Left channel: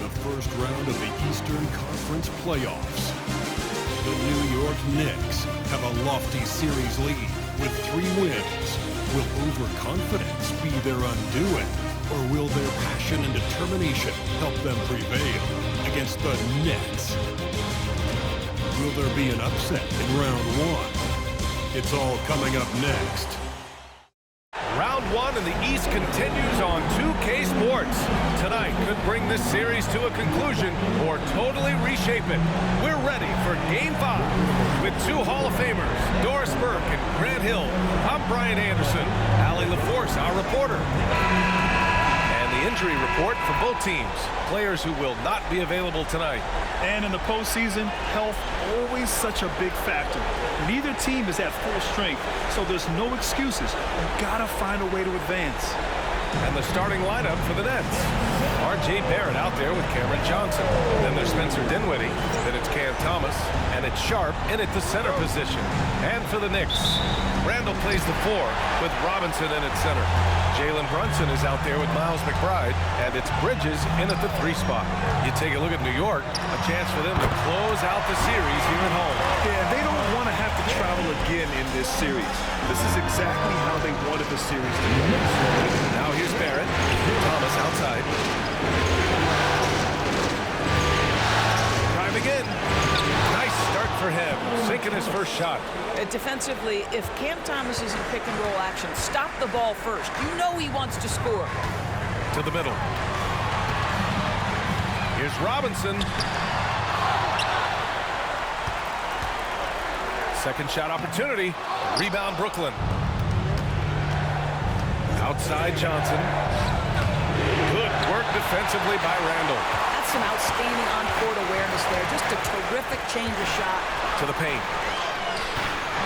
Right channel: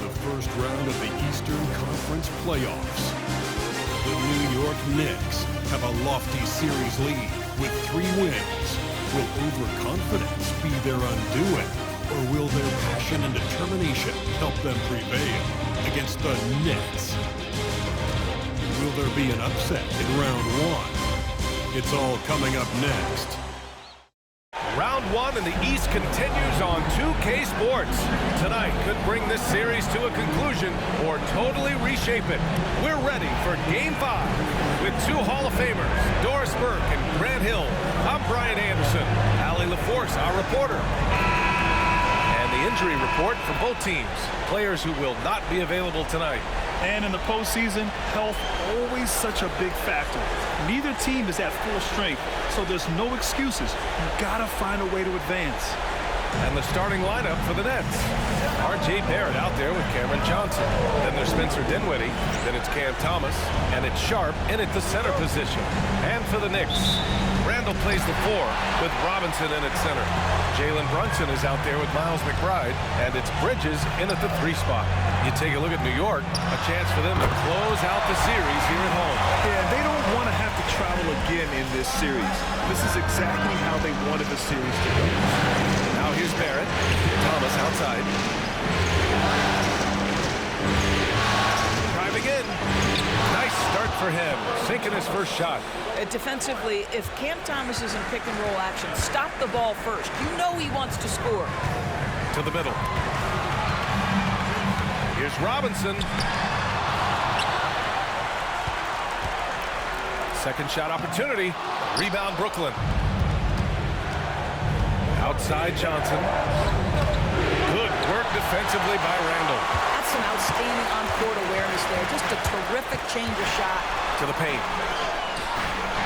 The first round of the Eastern Conference playoffs. The New York Knicks have a lofty series lead with 3 wins. Will overconfidence be their undoing, or will their passion and determination help them prevail against the Nets? Will there be an upset in round 1? It's all coming up next. Round 1 in the East continues on 2K Sports. Tonight could bring this series to a conclusion or totally reshape it. We're ready for Game 5 with 2 Hall of Famers, Doris Burke and Grant Hill. I'm Brian Anderson. Allie LaForce, our reporter. And the injury report for both teams. Players who will not be available tonight. And in the postseason, health always such a big factor. Neither team is at full strength, so there's no excuses. You gotta find a way to advance. And the starting lineup for the Nets. R.J. Barrett out there with Cameron Johnson. Then there's Spencer Dinwiddie. Then it's Cam Thomas. And it's Sharp in at the center position. And for the Knicks, Randall plays the 4 with Robinson in at center. Jalen Brunson is out there with Miles McBride, and it's Bridges in at the 3 spot. You take a look at New York, a chance for them to close out the series here at home. Yeah, they don't want to have to travel again in this series. This is exactly how they wanted the series to go. Now here's Barrett. Thomas outside. Driving in. Nice start for him, sinking his first shot. Defensively, if Cam Thomas is in pick-and-roll action, stop the ball first. You know he wants to score. To the middle. Here's Robinson. Second shot opportunity. Rebound Brooklyn. Outside Johnson. Good work defensively by Randall. That's some outstanding on-court awareness there. Just a terrific change of shot. To the paint.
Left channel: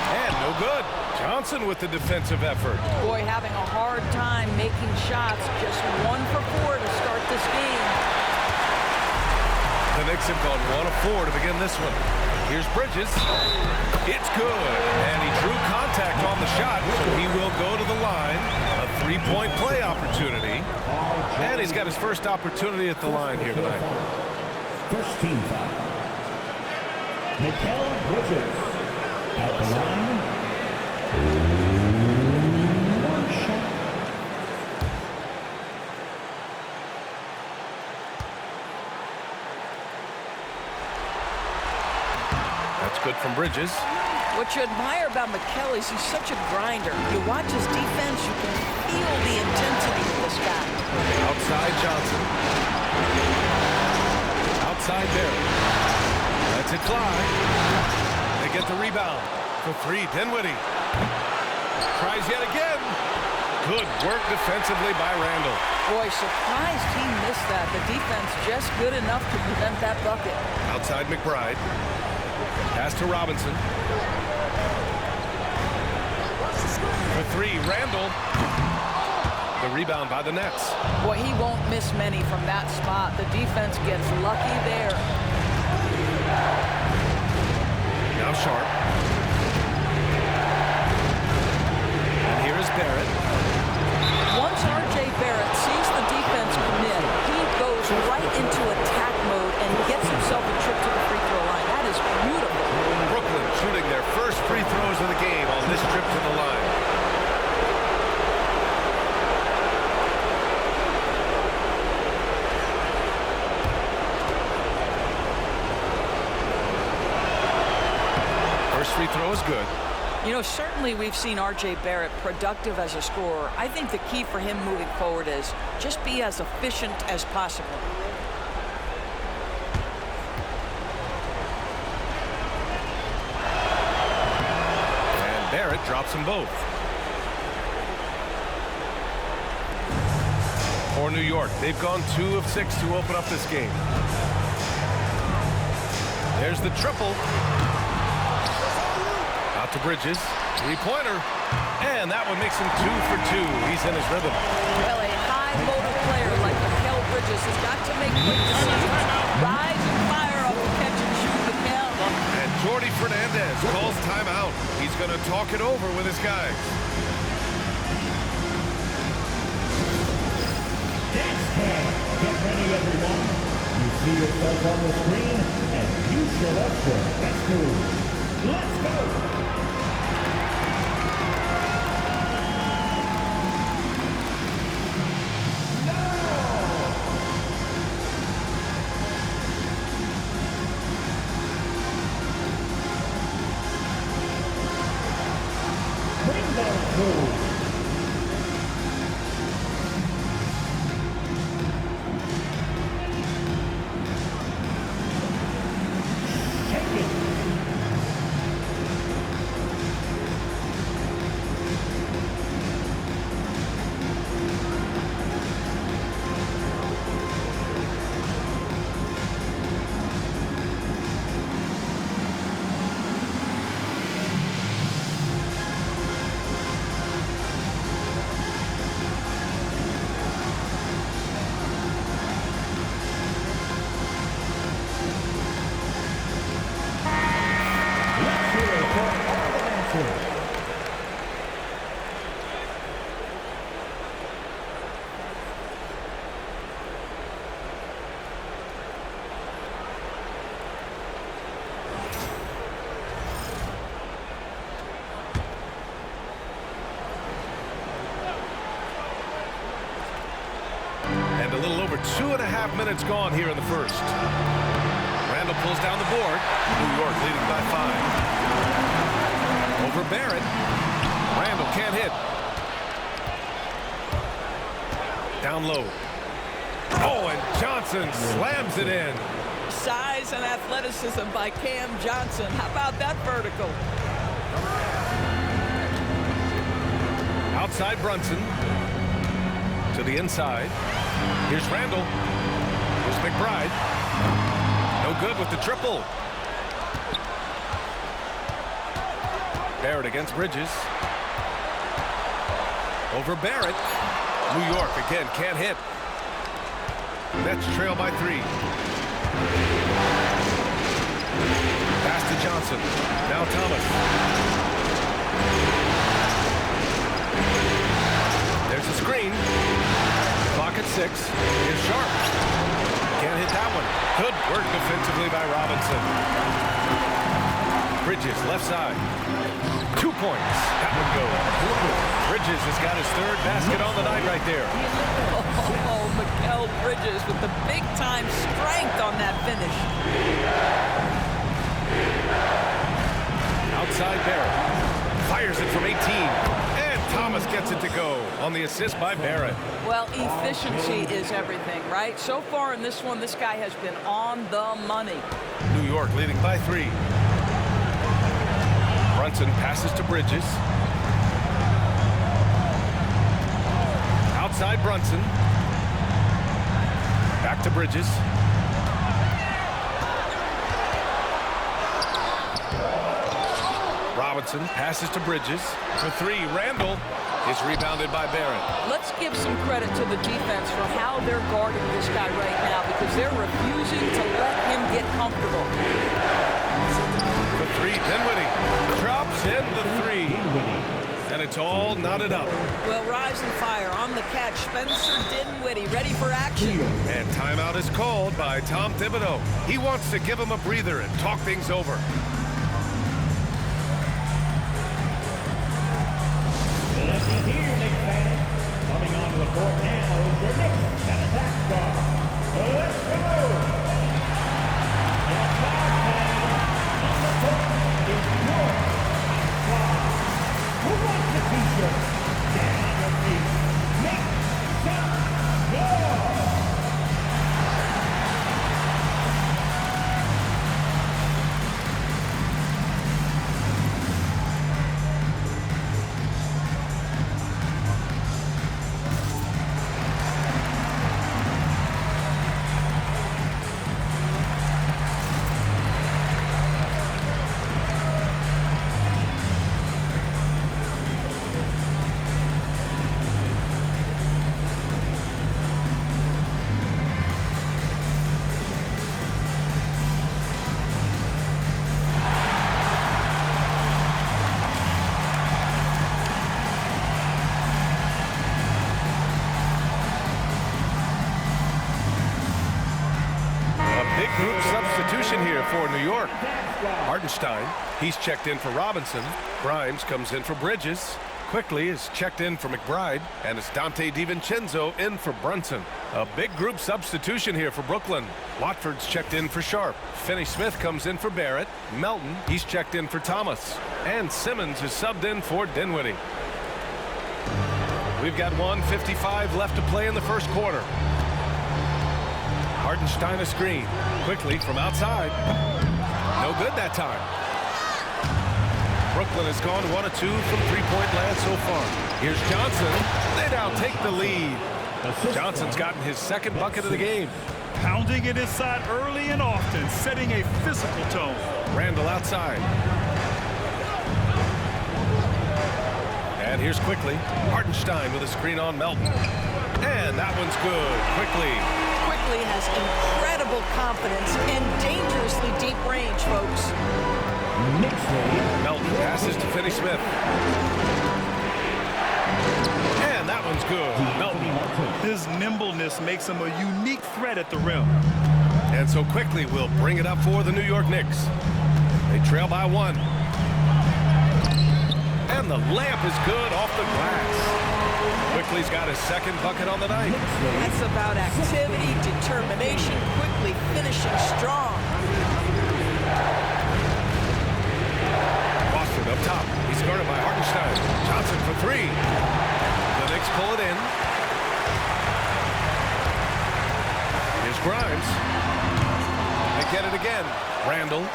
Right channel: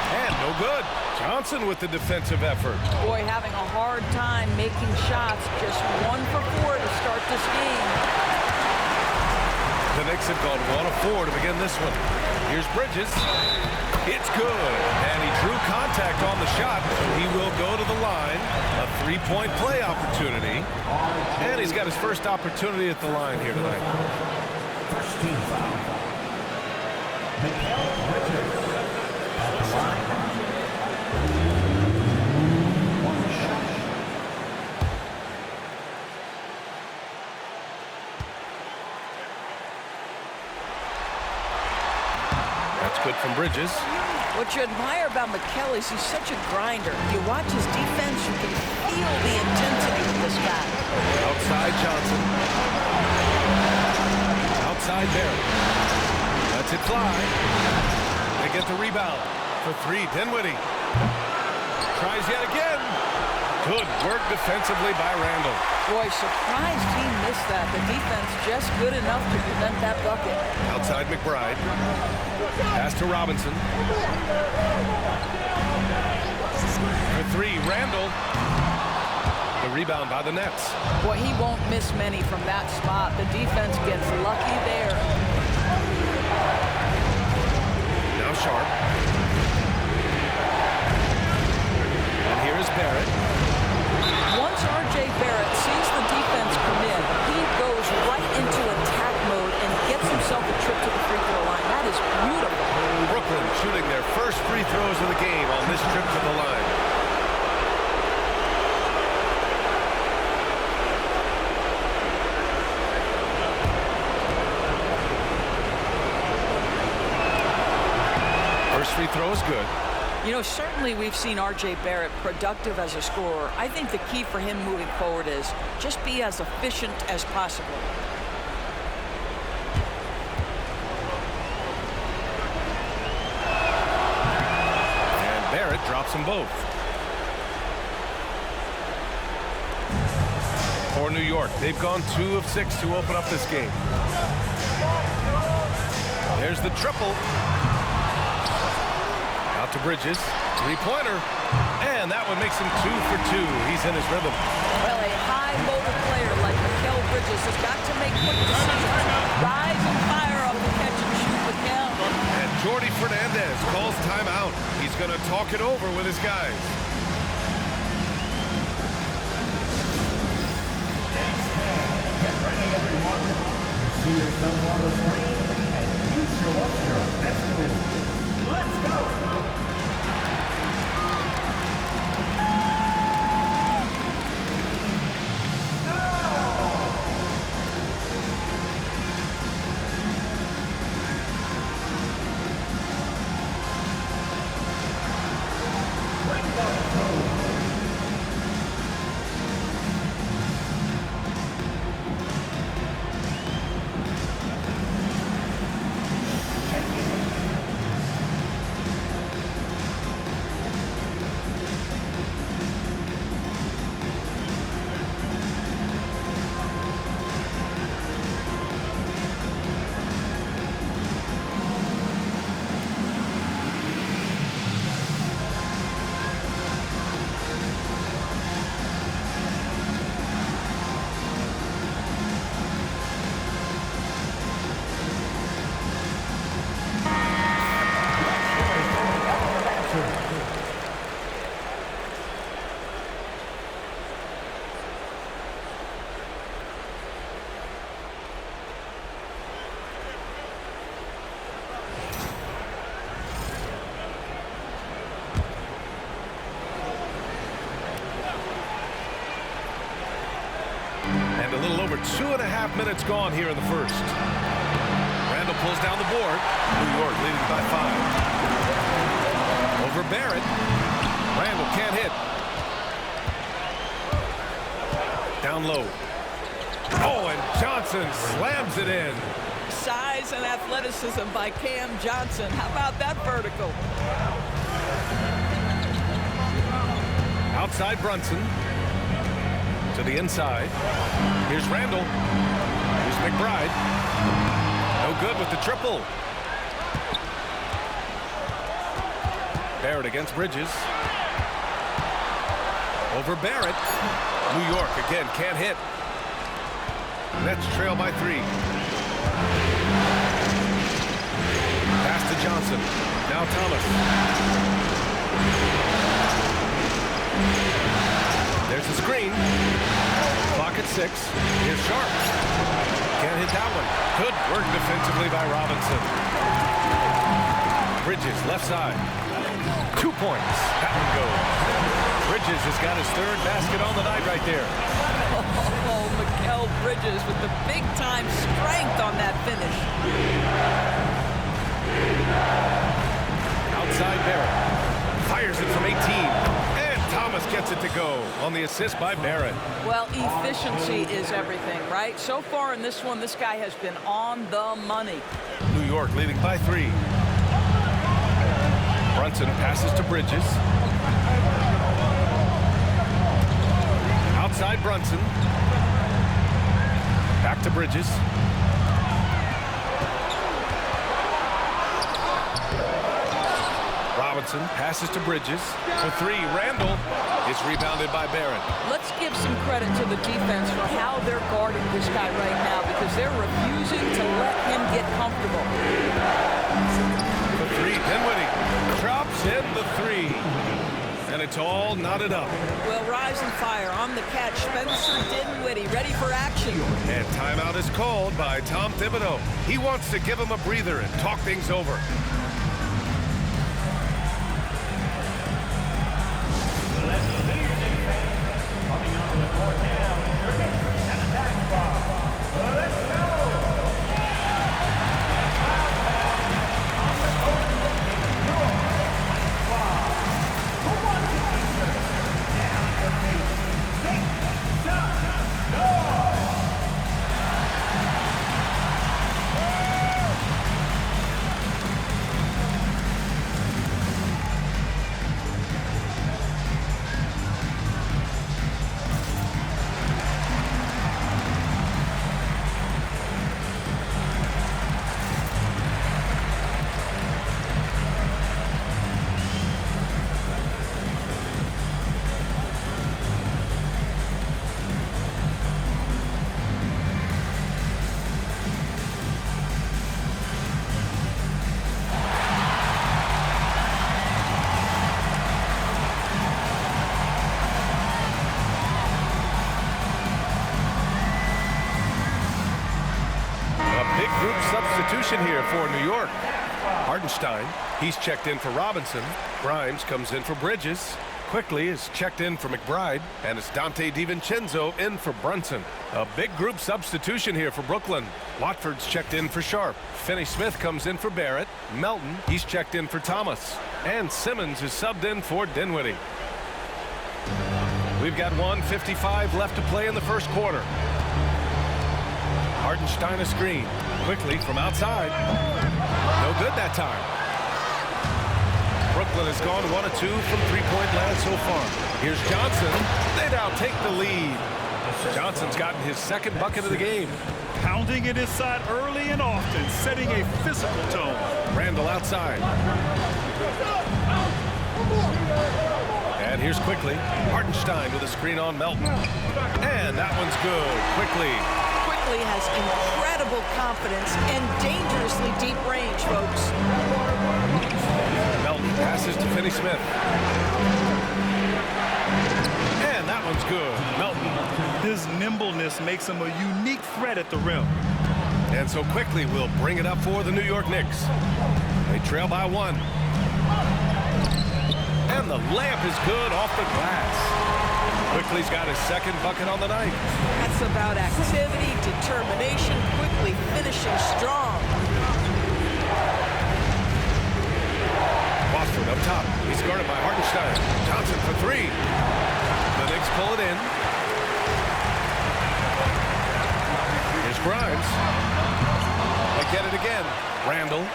And no good. Johnson with the defensive effort. Boy, having a hard time making shots. Just 1 for 4 to start this game. The Knicks have gone 1 of 4 to begin this one. Here's Bridges. It's good. And he drew contact on the shot, so he will go to the line. A 3-point play opportunity. And he's got his first opportunity at the line here tonight. First team foul. Mikal Bridges at the line. 1 shot. That's good from Bridges. What you admire about Mikal is he's such a grinder. You watch his defense, you can feel the intensity of this guy. Outside Johnson. Outside Barrett. Lets it fly. They get the rebound. For 3, Dinwiddie. Tries yet again. Good work defensively by Randall. Boy, surprised he missed that. The defense just good enough to prevent that bucket. Outside McBride. Pass to Robinson. For 3, Randall. The rebound by the Nets. Boy, he won't miss many from that spot. The defense gets lucky there. Now Sharp. And here is Barrett. Once R.J. Barrett sees the defense commit, he goes right into attack mode and gets himself a trip to the free throw line. That is beautiful. Brooklyn shooting their first free throws of the game on this trip to the line. First free throw is good. You know, certainly we've seen R.J. Barrett productive as a scorer. I think the key for him moving forward is just be as efficient as possible. And Barrett drops them both. For New York, they've gone 2 of 6 to open up this game. There's the triple. Out to Bridges, 3-pointer, and that one makes him 2 for 2. He's in his rhythm. Well, a high-motor player like Mikal Bridges has got to make quick decisions. Rise and fire off the catch-and-shoot, Mikal. And Jordi Fernandez calls timeout. He's going to talk it over with his guys. see yourself on the screen, and you show us your best move. Let's go! And a little over 2.5 minutes gone here in the first. Randall pulls down the board. New York leading by 5. Over Barrett. Randall can't hit. Down low. Oh, and Johnson slams it in. Size and athleticism by Cam Johnson. How about that vertical? Outside Brunson. To the inside. Here's Randall. Here's McBride. No good with the triple. Barrett against Bridges. Over Barrett. New York again can't hit. Nets trail by 3. Pass to Johnson. Now Thomas. There's a screen. Clock at 6. Here's Sharp. Can't hit that one. Good work defensively by Robinson. Bridges left side. 2 points. That one goes. Bridges has got his 3rd basket on the night right there. Oh, Mikal Bridges with the big-time strength on that finish. Outside Barrett. Fires it from 18. And Thomas gets it to go on the assist by Barrett. Well, efficiency is everything, right? So far in this one, this guy has been on the money. New York leading by 3. Brunson passes to Bridges. Outside Brunson. Back to Bridges. Robinson passes to Bridges. For 3, Randall is rebounded by Barrett. Let's give some credit to the defense for how they're guarding this guy right now because they're refusing to let him get comfortable. For 3, Dinwiddie drops in the 3. And it's all knotted up. Well, rise and fire on the catch. Spencer Dinwiddie ready for action. And timeout is called by Tom Thibodeau. He wants to give him a breather and talk things over. Coming onto the court now is your Knicks and attack squad. Let's go! And Cloud Pass on the court is your squad. Who wants a t-shirt? Get on your feet. Knicks, up, go! group substitution here for New York. Hartenstein, he's checked in for Robinson. Grimes comes in for Bridges. Quickly is checked in for McBride, and it's Dante DiVincenzo in for Brunson. A big group substitution here for Brooklyn. Watford's checked in for Sharp. Finney-Smith comes in for Barrett. Melton, he's checked in for Thomas. And Simmons is subbed in for Dinwiddie. We've got 1:55 left to play in the first quarter. Hartenstein a screen. Quickly from outside. No good that time. Brooklyn has gone 1 of 2 from three-point land so far. Here's Johnson. They now take the lead. Johnson's gotten his second bucket of the game. Pounding it inside early and often, setting a physical tone. Randall outside. And here's Quickly. Hartenstein with a screen on Melton. And that one's good. Quickly. Quickly has incredible confidence and dangerously deep range, folks. Melton passes to Finney-Smith. And that one's good. Melton. His nimbleness makes him a unique threat at the rim. And so Quickly will bring it up for the New York Knicks. They trail by 1. And the layup is good off the glass. Quickly's got his second bucket on the night. That's about activity, determination, Quickly finishing strong. Watford up top. He's guarded by Hartenstein. Johnson for 3. The Knicks pull it in. Here's Grimes. They get it again. Randall.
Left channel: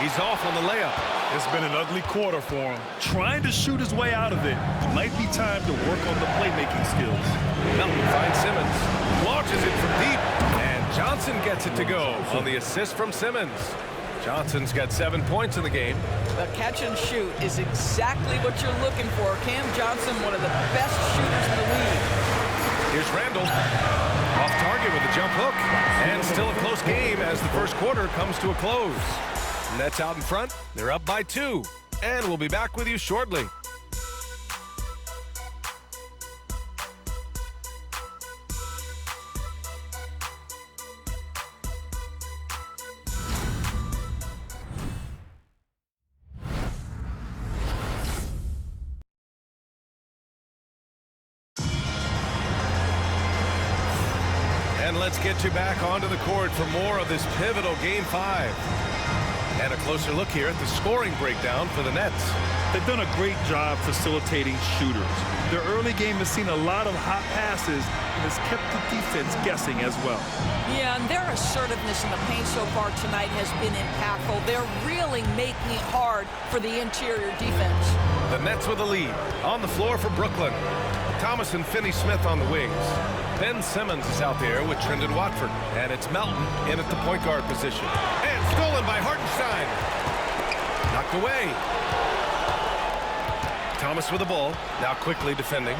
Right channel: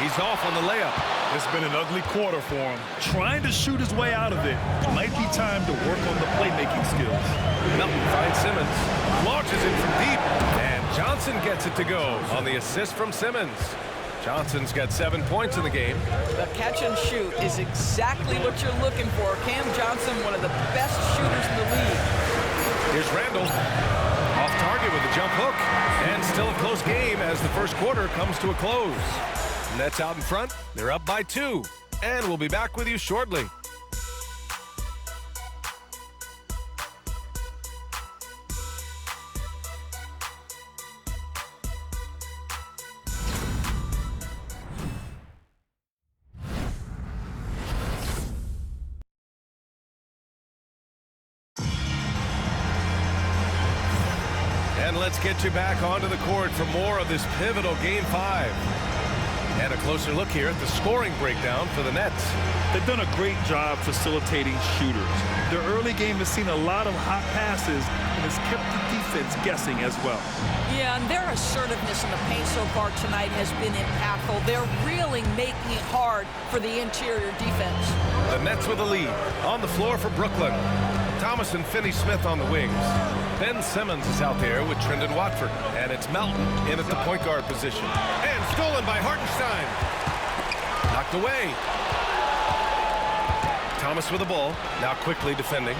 He's off on the layup. It's been an ugly quarter for him. Trying to shoot his way out of it. Might be time to work on the playmaking skills. Melton finds Simmons. Launches it from deep. And Johnson gets it to go on the assist from Simmons. Johnson's got 7 points in the game. The catch and shoot is exactly what you're looking for. Cam Johnson, one of the best shooters in the league. Here's Randall. Off target with a jump hook. And still a close game as the first quarter comes to a close. Nets out in front. They're up by 2. And we'll be back with you shortly. And let's get you back onto the court for more of this pivotal Game 5. And a closer look here at the scoring breakdown for the Nets. They've done a great job facilitating shooters. Their early game has seen a lot of hot passes and has kept the defense guessing as well. Yeah, and their assertiveness in the paint so far tonight has been impactful. They're really making it hard for the interior defense. The Nets with the lead. On the floor for Brooklyn. Thomas and Finney-Smith on the wings. Ben Simmons is out there with Trendon Watford. And it's Melton in at the point guard position. And stolen by Hartenstein. Knocked away. Thomas with the ball. Now Quickly defending.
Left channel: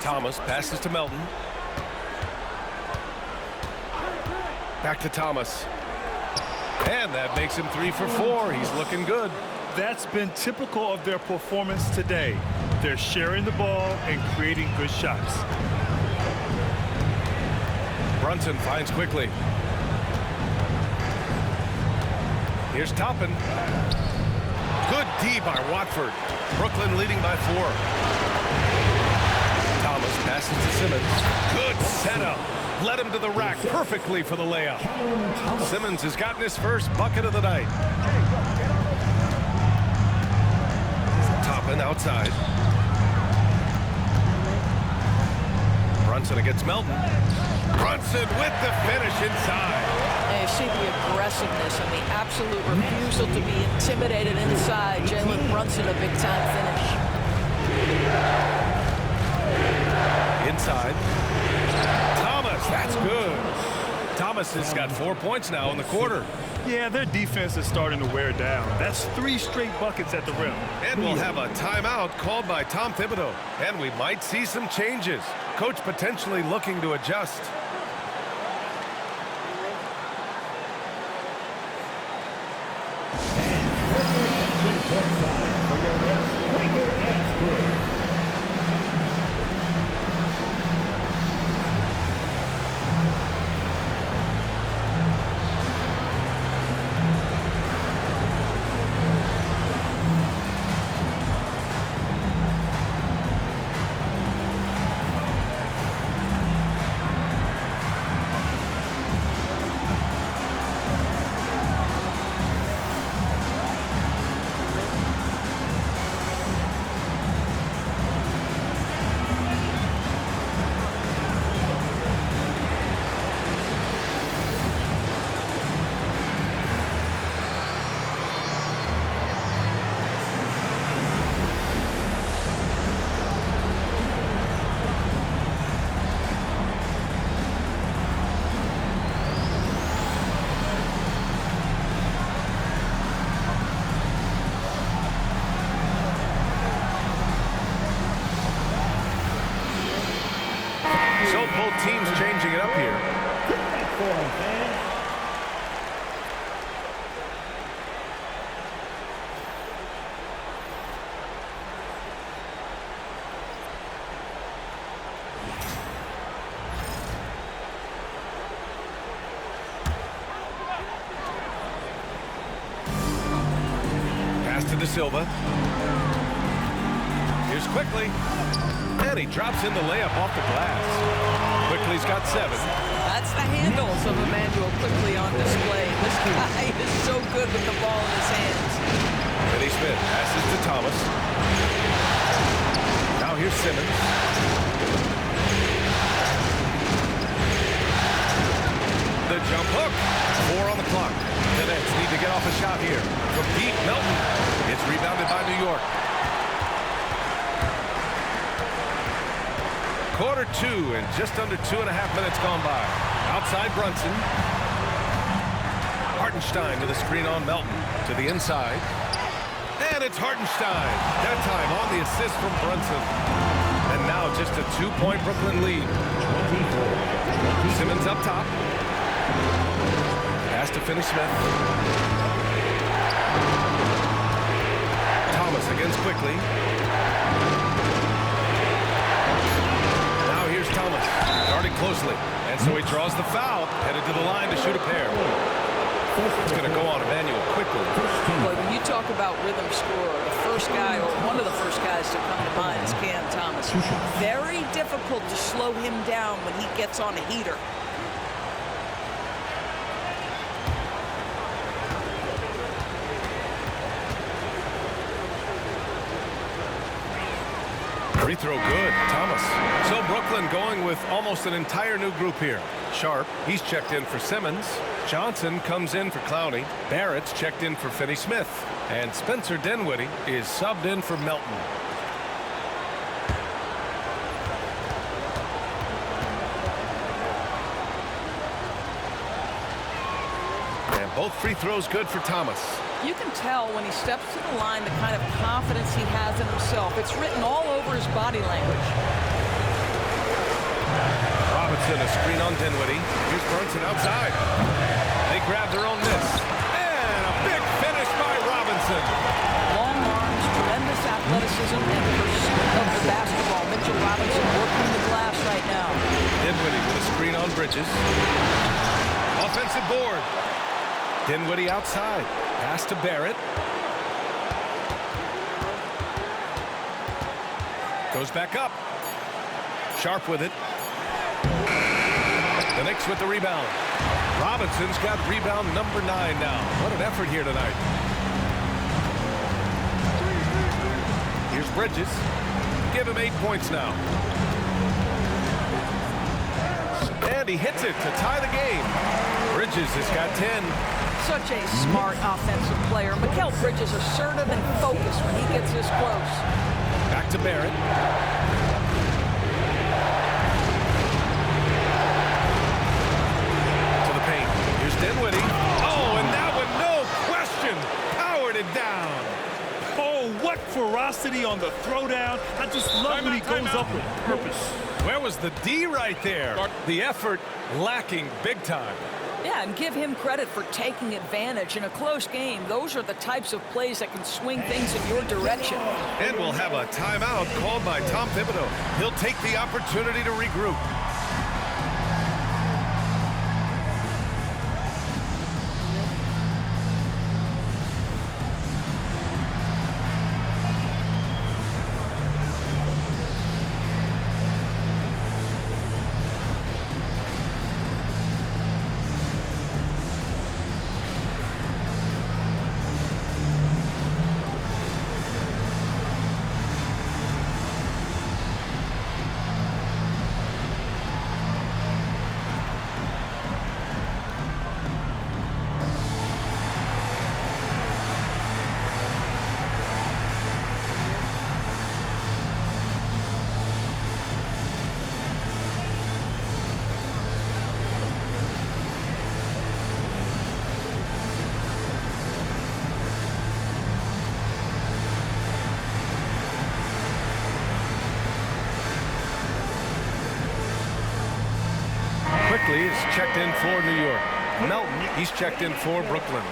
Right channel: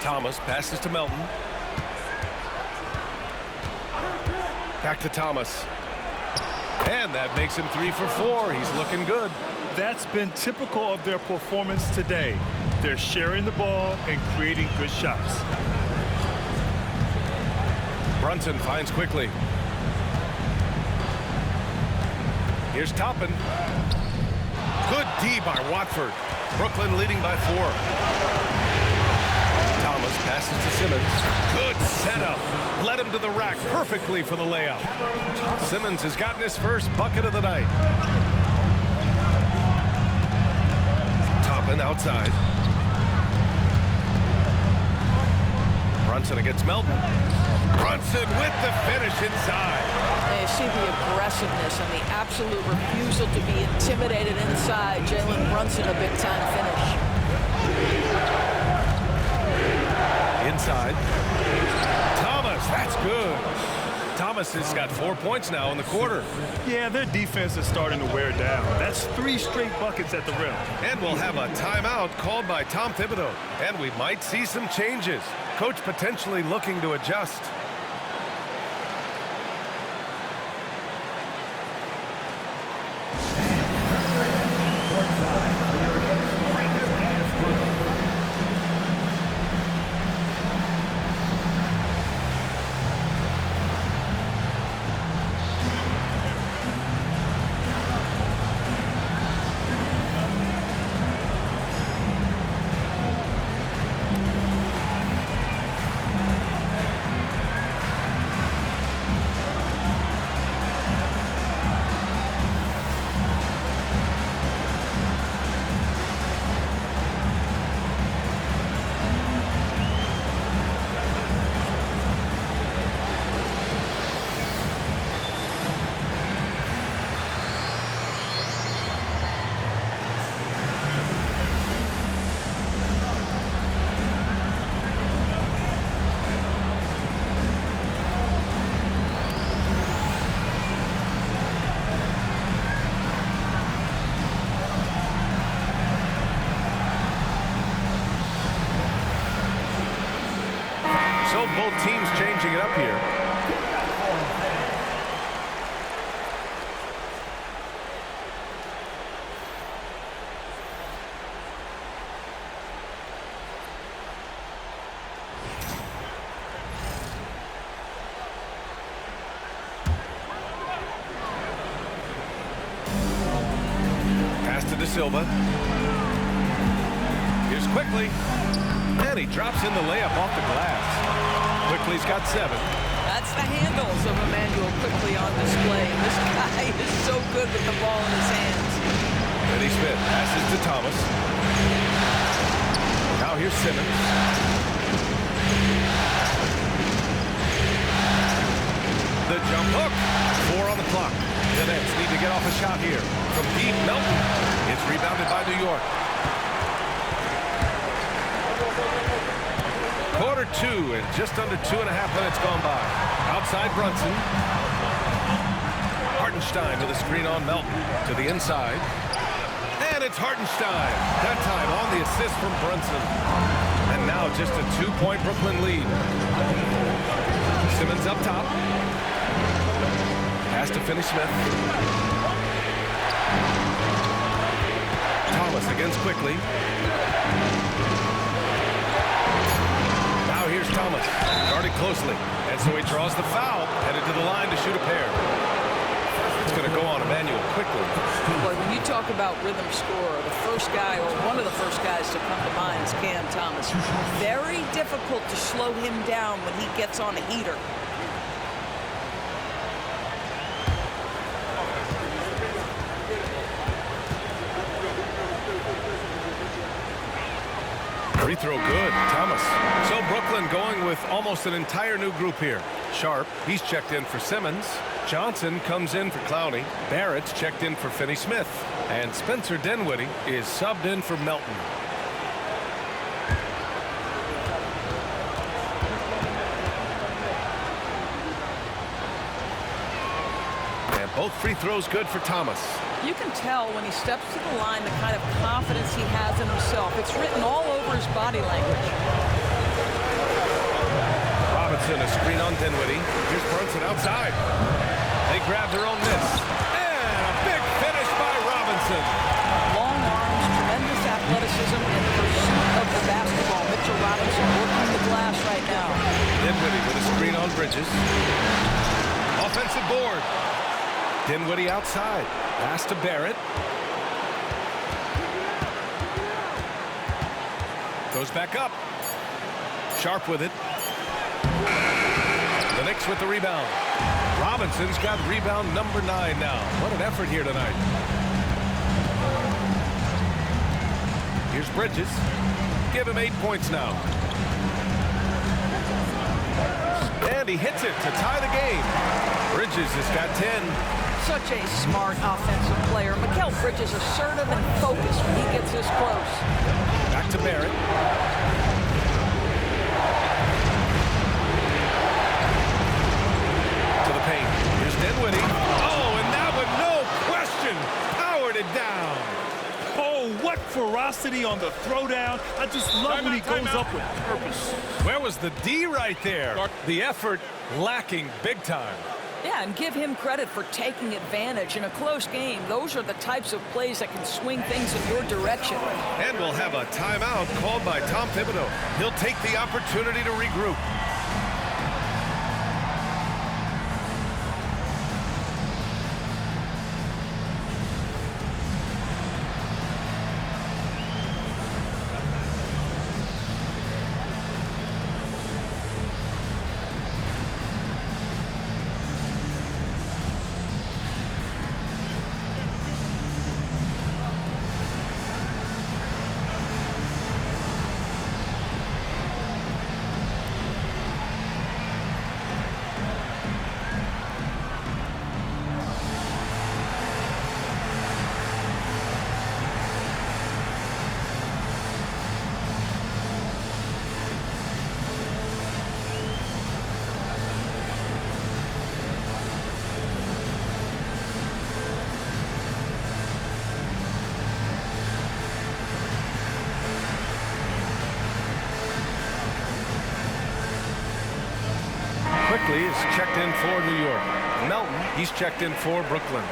Thomas passes to Melton. Back to Thomas. And that makes him 3 for 4. He's looking good. That's been typical of their performance today. They're sharing the ball and creating good shots. Brunson finds Quickly. Here's Toppin. Good D by Watford. Brooklyn leading by 4. Thomas passes to Simmons. Good setup. Led him to the rack perfectly for the layup. Simmons has gotten his first bucket of the night. Toppin outside. Brunson against Melton. Brunson with the finish inside. And you see the aggressiveness and the absolute refusal to be intimidated inside. Jalen Brunson, a big-time finish. Inside. Thomas, that's good. Thomas has got 4 points now in the quarter. Yeah, their defense is starting to wear down. That's 3 straight buckets at the rim. And we'll have a timeout called by Tom Thibodeau. And we might see some changes. Coach potentially looking to adjust. So both teams changing it up here. Pass to De Silva. Here's Quickly. And he drops in the layup off the glass. Quickly's got 7. That's the handles of Immanuel Quickly on display. This guy is so good with the ball in his hands. Finney Smith passes to Thomas. Now here's Simmons. The jump hook. 4 on the clock. The Nets need to get off a shot here. From deep, Melton. It's rebounded by New York. Quarter 2 and just under 2.5 minutes gone by. Outside Brunson. Hartenstein with a screen on Melton to the inside. And it's Hartenstein. That time on the assist from Brunson. And now just a 2-point Brooklyn lead. Simmons up top. Pass to Finney Smith. Thomas against Quickly. Now here's Thomas, guarded closely, and so he draws the foul, headed to the line to shoot a pair. It's going to go on Immanuel Quickly. Boy, when you talk about rhythm scorer, the first guy or one of the first guys to come to mind is Cam Thomas. Very difficult to slow him down when he gets on a heater. Free throw good, Thomas. So Brooklyn going with almost an entire new group here. Sharp, he's checked in for Simmons. Johnson comes in for Clowney. Barrett's checked in for Finney Smith. And Spencer Dinwiddie is subbed in for Melton. And both free throws good for Thomas. You can tell when he steps to the line the kind of confidence he has in himself. It's written all over his body language. Robinson, a screen on Dinwiddie. Here's Brunson outside. They grab their own miss. And a big finish by Robinson. Long arms, tremendous athleticism, and pursuit of the basketball. Mitchell Robinson working the glass right now. Dinwiddie with a screen on Bridges. Offensive board. Dinwiddie outside. Pass to Barrett. Goes back up. Sharp with it. The Knicks with the rebound. Robinson's got rebound number 9 now. What an effort here tonight. Here's Bridges. Give him 8 points now. And he hits it to tie the game. Bridges has got 10. Such a smart offensive player. Mikal Bridges assertive and focused when he gets this close. Back to Barrett. To the paint. Here's Dinwiddie. Oh, and that one, no question, powered it down. Oh, what ferocity on the throwdown. I just love when he goes up with purpose. Where was the D right there? The effort lacking big time. Yeah, and give him credit for taking advantage in a close game. Those are the types of plays that can swing things in your direction. And we'll have a timeout called by Tom Thibodeau. He'll take the opportunity to regroup. Quickly is checked in for New York. Melton, he's checked in for Brooklyn.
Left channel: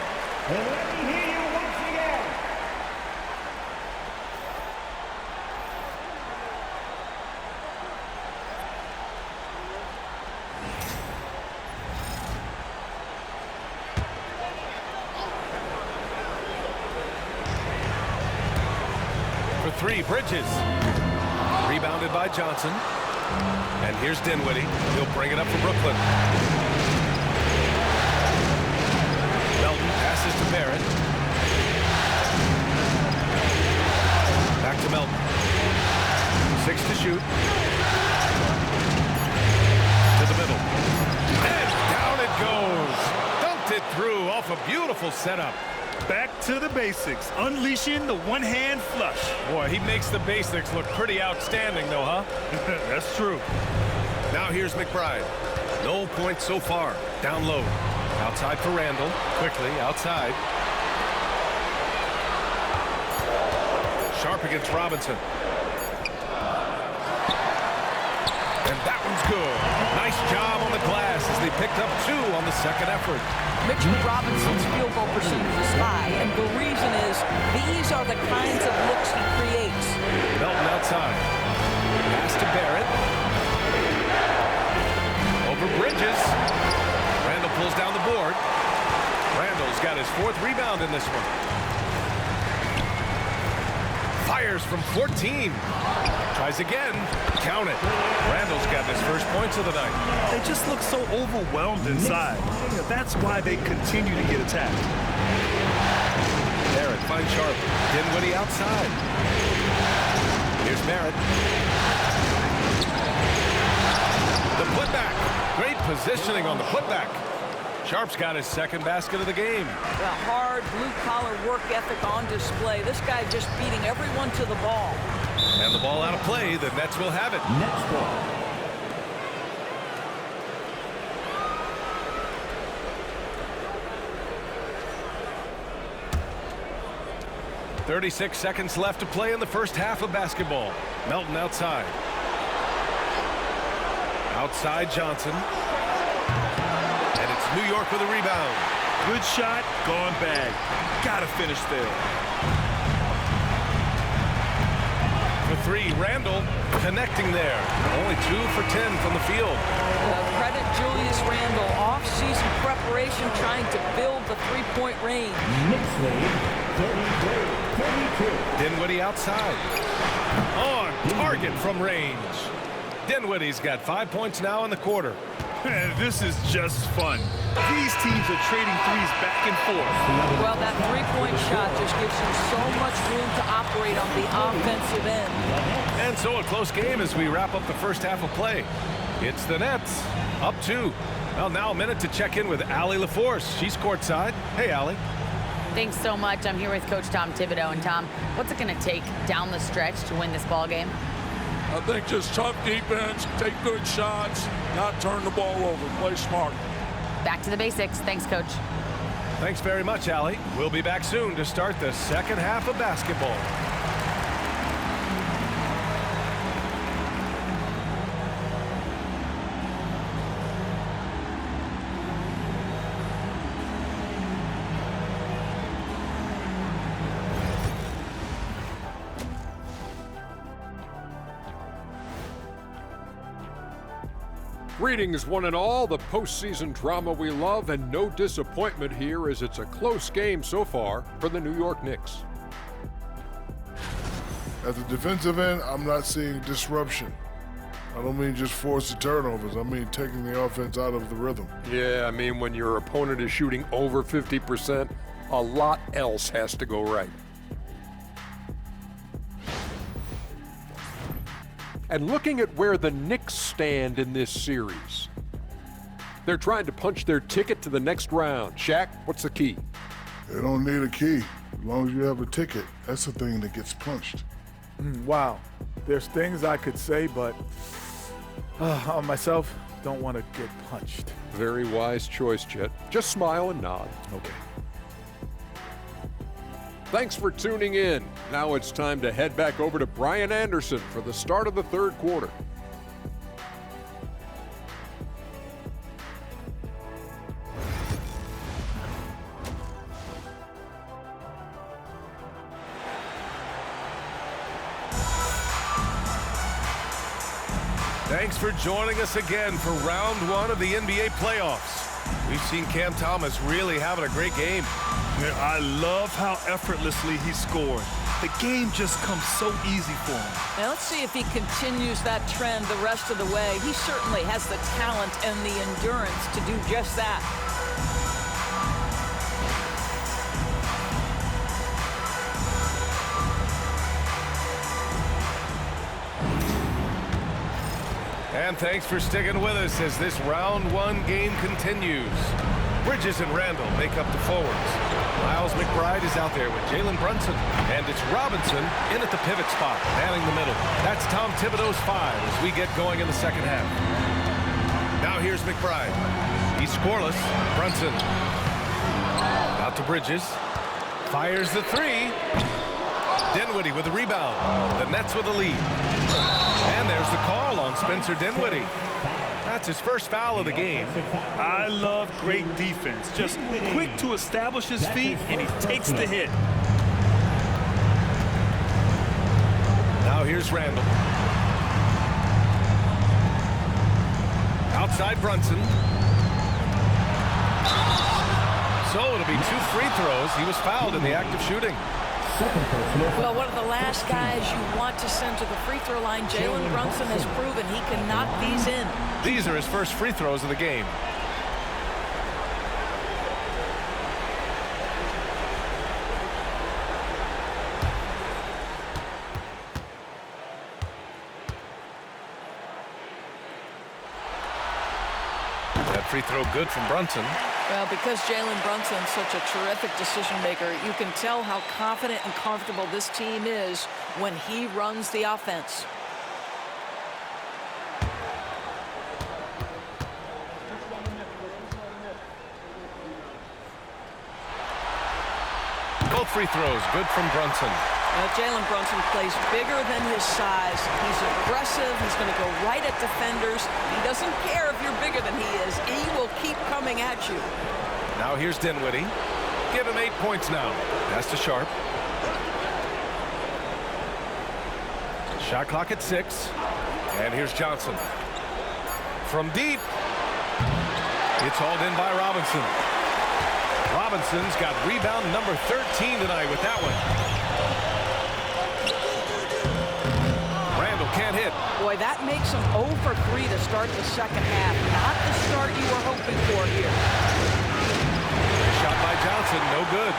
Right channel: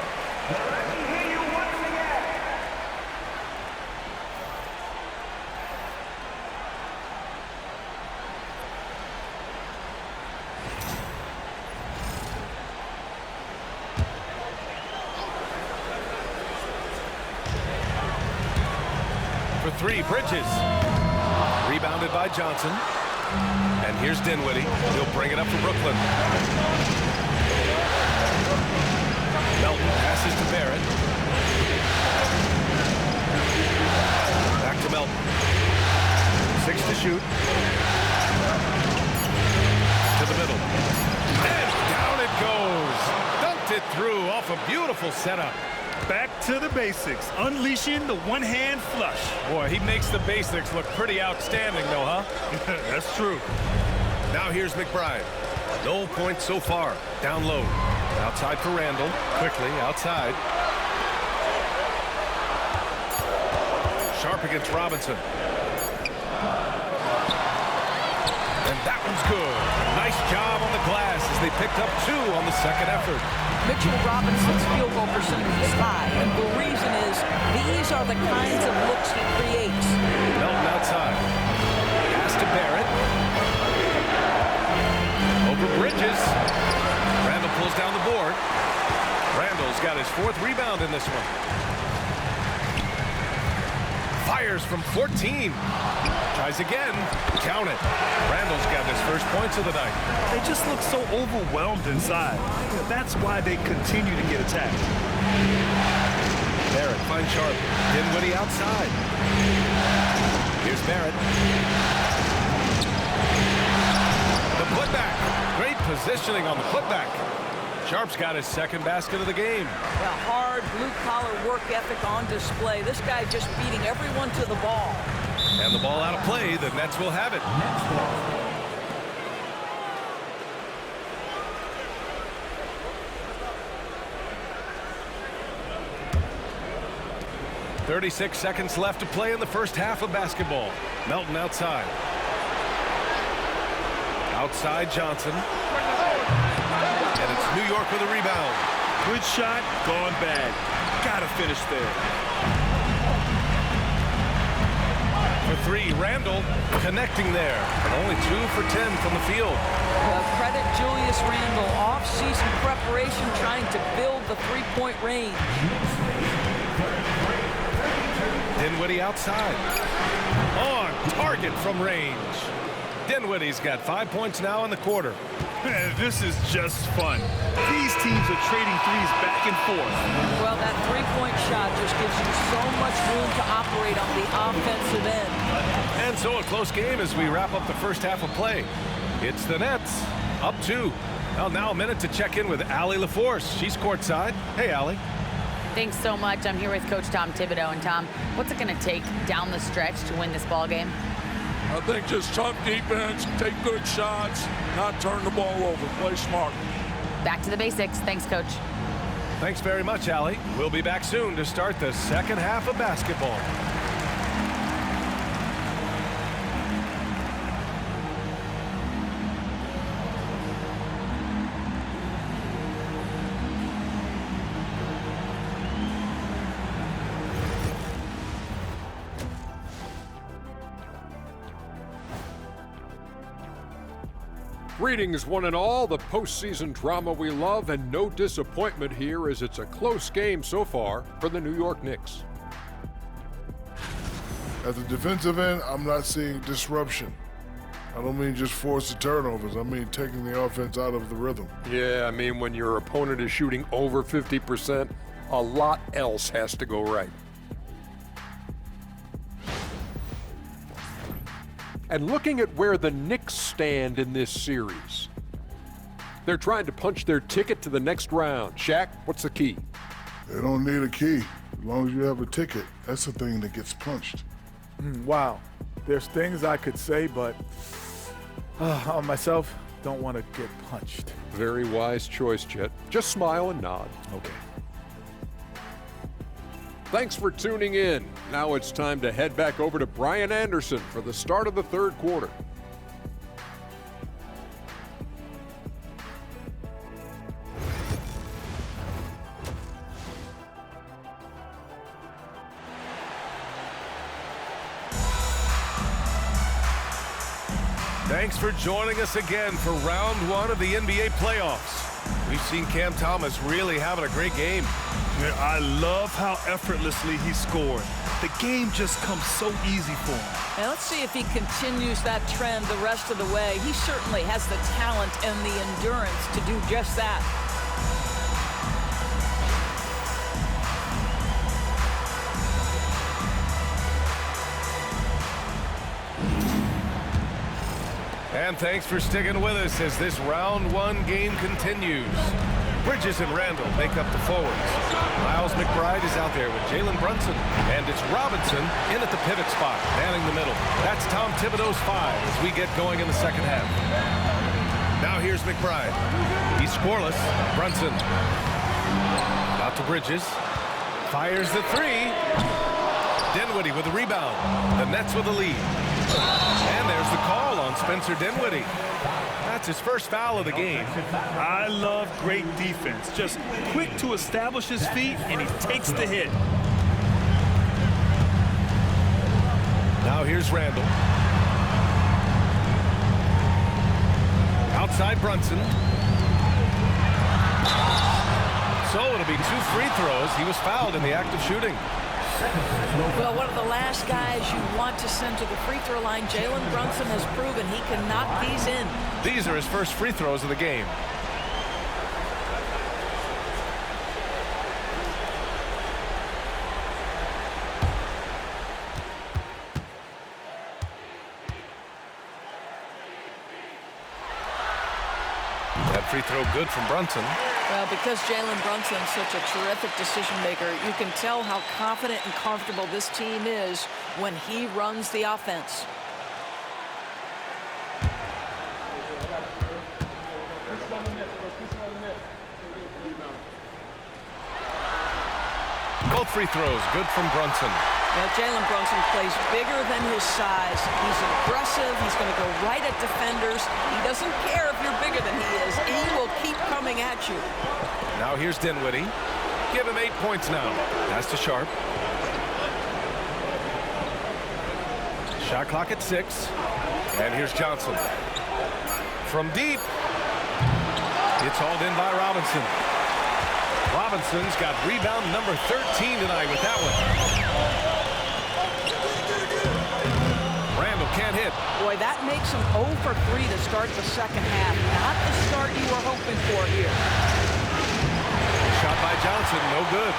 Let me hear you once again. For three, Bridges. Rebounded by Johnson. And here's Dinwiddie. He'll bring it up for Brooklyn. Melton passes to Barrett. Back to Melton. 6 to shoot. To the middle. And down it goes. Dunked it through off a beautiful setup. Back to the basics, unleashing the one-hand flush. Boy, he makes the basics look pretty outstanding, though, huh? That's true. Now here's McBride. No points so far. Down low. Outside for Randall. Quickly, outside. Sharp against Robinson. And that one's good. Nice job on the glass as they picked up 2 on the second effort. Mitchell Robinson's field goal percentage is high, and the reason is these are the kinds of looks he creates. Melton outside. Pass to Barrett. Over Bridges. Randall pulls down the board. Randall's got his 4th rebound in this one. Fires from 14. Tries again. Count it. Randall's got his first points of the night. They just look so overwhelmed inside. That's why they continue to get attacked. Barrett finds Sharp. Dinwiddie outside. Here's Barrett. The putback. Great positioning on the putback. Sharp's got his 2nd basket of the game. The hard blue-collar work ethic on display. This guy just beating everyone to the ball. And the ball out of play. The Nets will have it. Next ball. 36 seconds left to play in the first half of basketball. Melton outside. Outside Johnson. And it's New York with a rebound. Good shot, gone bad. Gotta finish there. For 3, Randall connecting there. And only 2 for 10 from the field. Credit Julius Randle. Off-season preparation trying to build the three-point range. Next lead, 33-32. Dinwiddie outside. On target from range. Dinwiddie's got 5 points now in the quarter. This is just fun. These teams are trading threes back and forth. Well, that three-point shot just gives you so much room to operate on the offensive end. And so a close game as we wrap up the first half of play. It's the Nets up 2. Well, now a minute to check in with Allie LaForce. She's courtside. Hey, Allie. Thanks so much. I'm here with Coach Tom Thibodeau. And Tom, what's it going to take down the stretch to win this ball game? I think just tough defense, take good shots, not turn the ball over, play smart. Back to the basics. Thanks, Coach. Thanks very much, Allie. We'll be back soon to start the second half of basketball. Greetings, one and all. The postseason drama we love, and no disappointment here as it's a close game so far for the New York Knicks. At the defensive end, I'm not seeing disruption. I don't mean just forced turnovers. I mean taking the offense out of the rhythm. Yeah, I mean when your opponent is shooting over 50%, a lot else has to go right. And looking at where the Knicks stand in this series, they're trying to punch their ticket to the next round. Shaq, what's the key? They don't need a key. As long as you have a ticket, that's the thing that gets punched. Wow. There's things I could say, but on myself, don't want to get punched. Very wise choice, Chet. Just smile and nod. Okay. Thanks for tuning in. Now it's time to head back over to Brian Anderson for the start of the third quarter. Thanks for joining us again for round one of the NBA playoffs. We've seen Cam Thomas really having a great game. Yeah, I love how effortlessly he scored. The game just comes so easy for him. Now let's see if he continues that trend the rest of the way. He certainly has the talent and the endurance to do just that. And thanks for sticking with us as this round one game continues. Bridges and Randall make up the forwards. Miles McBride is out there with Jalen Brunson. And it's Robinson in at the pivot spot, manning the middle. That's Tom Thibodeau's 5 as we get going in the second half. Now here's McBride. He's scoreless. Brunson. Out to Bridges. Fires the 3. Dinwiddie with the rebound. The Nets with the lead. And there's the call on Spencer Dinwiddie. That's his first foul of the game. I love great defense. Just quick to establish his feet, and he takes the hit. Now here's Randall. Outside Brunson. So it'll be 2 free throws. He was fouled in the act of shooting. Well, one of the last guys you want to send to the free throw line, Jalen Brunson has proven he can knock these in. These are his first free throws of the game. That free throw good from Brunson. Well, because Jalen Brunson's such a terrific decision maker, you can tell how confident and comfortable this team is when he runs the offense. Both free throws good from Brunson. Now, Jalen Brunson plays bigger than his size. He's aggressive. He's going to go right at defenders. He doesn't care if you're bigger than he is. He will keep coming at you. Now here's Dinwiddie. Give him 8 points now. Pass to Sharp. Shot clock at 6. And here's Johnson. From deep. It's hauled in by Robinson. Robinson's got rebound number 13 tonight with that one. Randall can't hit. Boy, that makes him 0 for 3 to start the second half. Not the start you were hoping for here. Shot by Johnson, no good.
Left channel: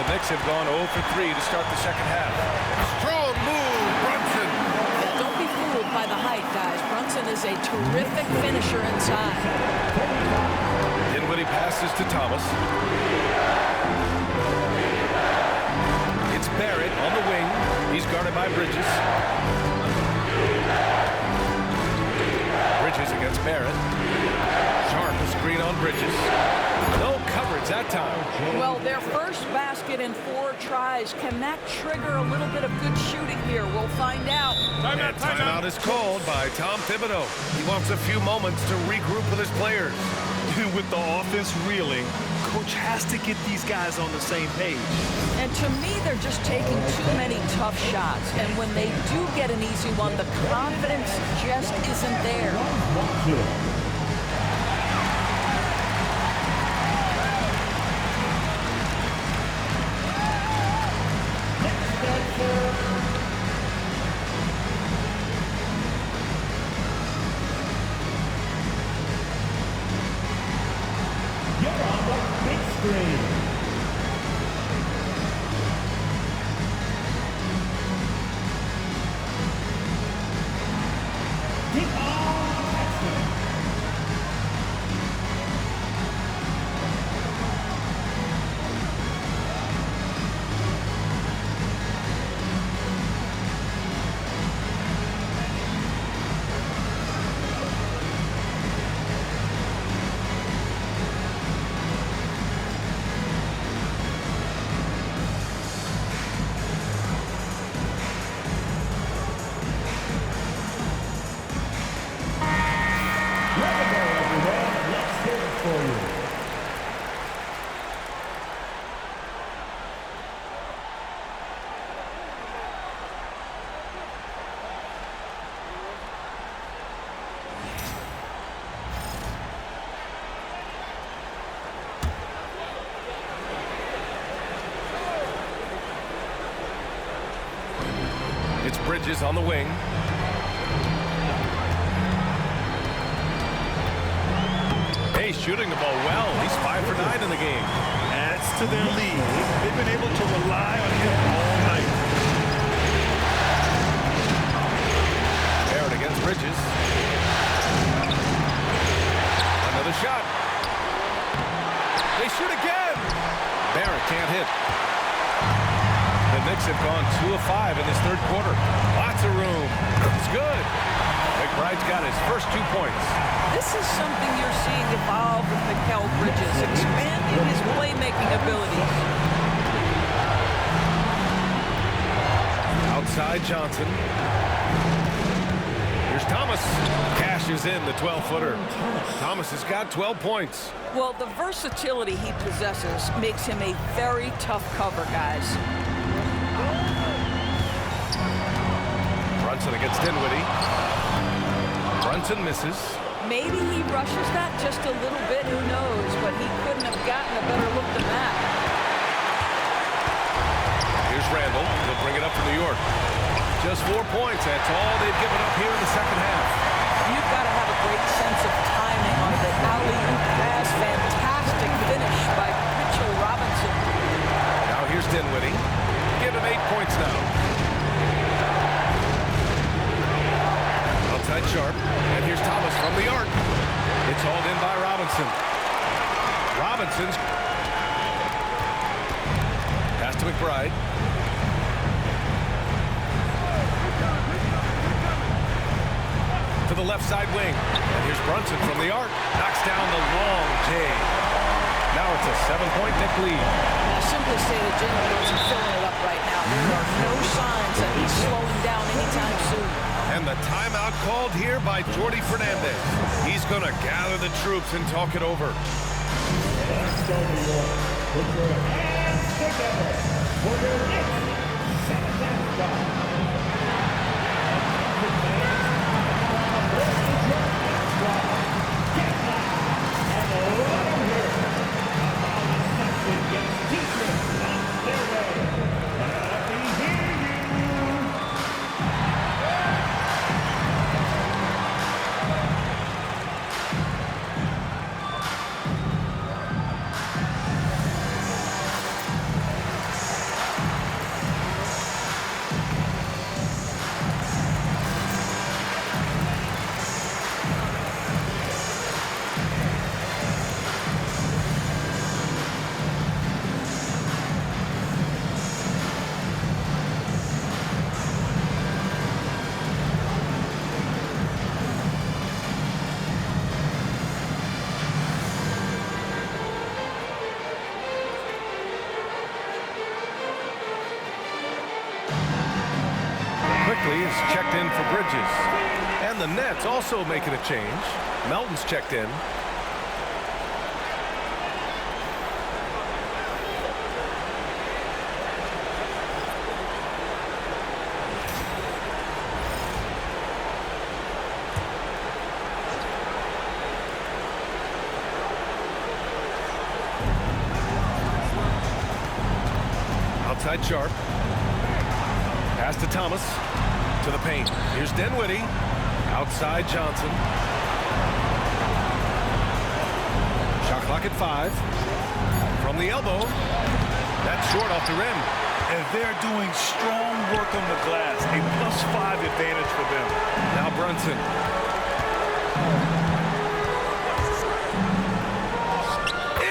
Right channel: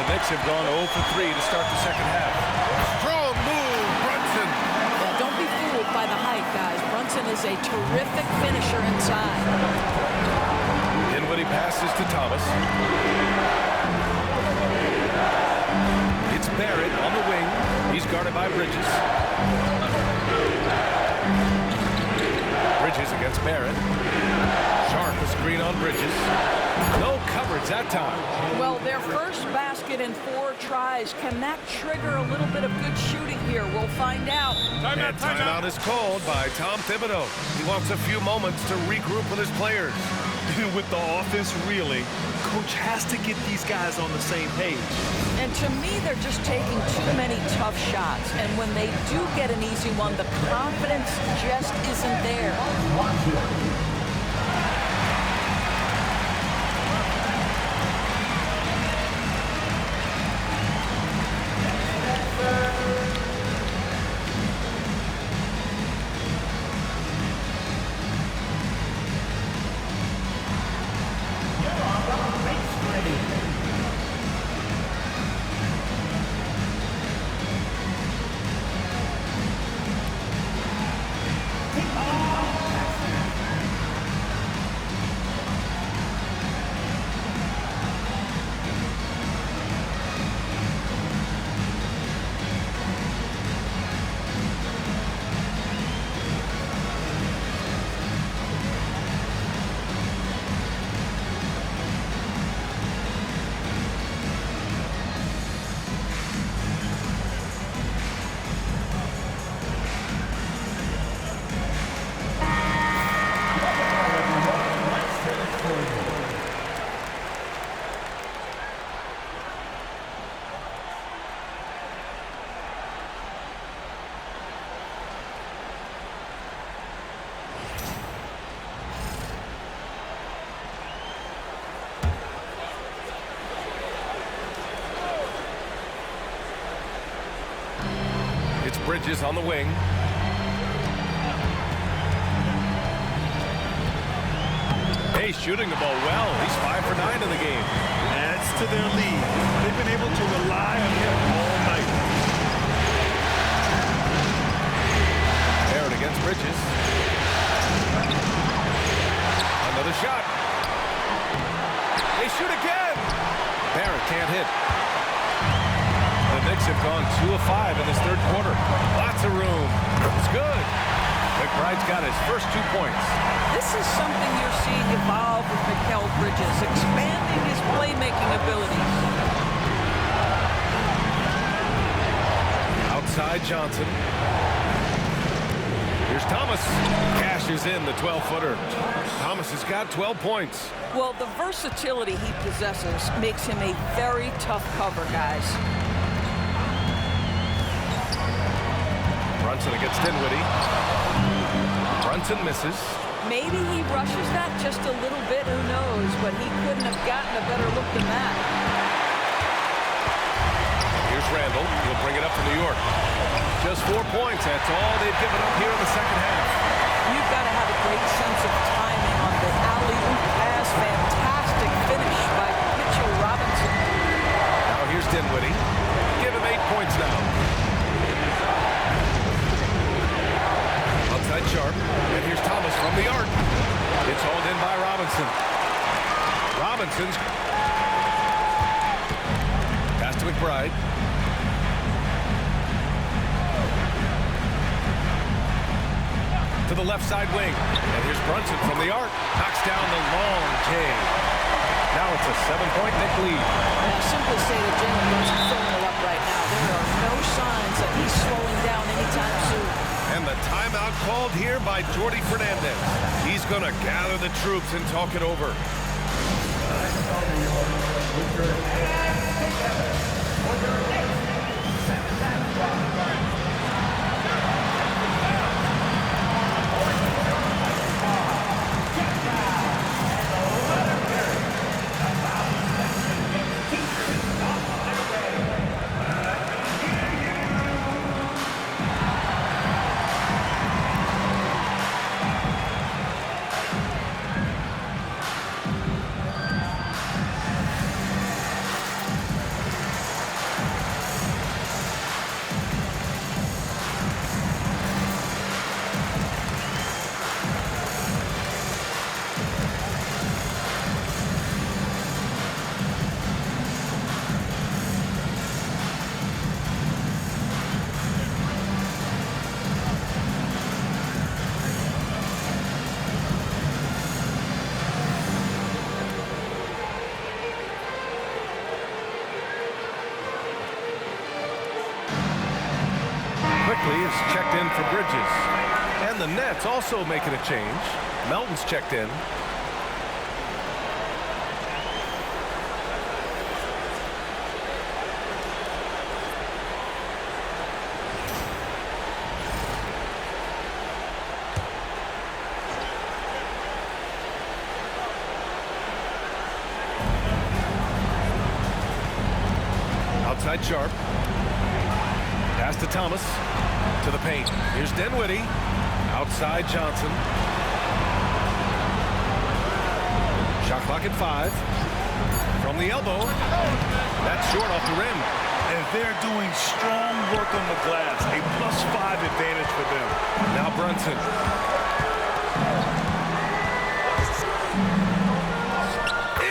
The Knicks have gone 0 for 3 to start the second half. Strong move, Brunson. Yeah, don't be fooled by the height, guys. Brunson is a terrific finisher inside. Dinwiddie passes to Thomas. It's Barrett on the wing. He's guarded by Bridges. Bridges against Barrett. Sharp a screen on Bridges. No coverage that time. Well, their first basket in 4 tries. Can that trigger a little bit of good shooting here? We'll find out. Timeout is called by Tom Thibodeau. He wants a few moments to regroup with his players. With the offense reeling, coach has to get these guys on the same page. And to me, they're just taking too many tough shots. And when they do get an easy one, the confidence just isn't there. It's Bridges on the wing. Hayes shooting the ball well. He's 5 for 9 in the game. Adds to their lead. They've been able to rely on him all night. Barrett against Bridges. Another shot. They shoot again. Barrett can't hit. The Knicks have gone 2 of 5 in this third quarter. Lots of room. It's good. McBride's got his first 2 points. This is something you're seeing evolve with Mikal Bridges, expanding his playmaking abilities. Outside Johnson. Here's Thomas. Cashes in the 12-footer. Thomas has got 12 points. Well, the versatility he possesses makes him a very tough cover, guys. Brunson against Dinwiddie. Brunson misses. Maybe he rushes that just a little bit, who knows, but he couldn't have gotten a better look than that. Here's Randall. He'll bring it up for New York. Just 4 points. That's all they've given up here in the second half. You've got to have a great sense of timing on the alley-oop pass. Fantastic finish by Mitchell Robinson. Now here's Dinwiddie. Give him 8 points now. Outside Sharp, and here's Thomas from the arc. It's hauled in by Robinson. Robinson's pass to McBride. To the left side wing, and here's Brunson from the arc. Knocks down the long J. Now it's a 7-point Knick lead. Now, simply stated, Jalen Brunson filling it up right now. There are no signs that he's slowing down anytime soon. And the timeout called here by Jordi Fernandez. He's going to gather the troops and talk it over. Let's go, New York. Put your hands together for your next second spot. Get down and let him hear it. About something gets teachers on their way. Let me hear you. Quickly is checked in for Bridges. And the Nets also making a change. Melton's checked in. Outside Sharp. Pass to Thomas. To the paint. Here's Dinwiddie. Outside Johnson. Shot clock at 5. From the elbow. That's short off the rim. And they're doing strong work on the glass. A +5 advantage for them. Now Brunson.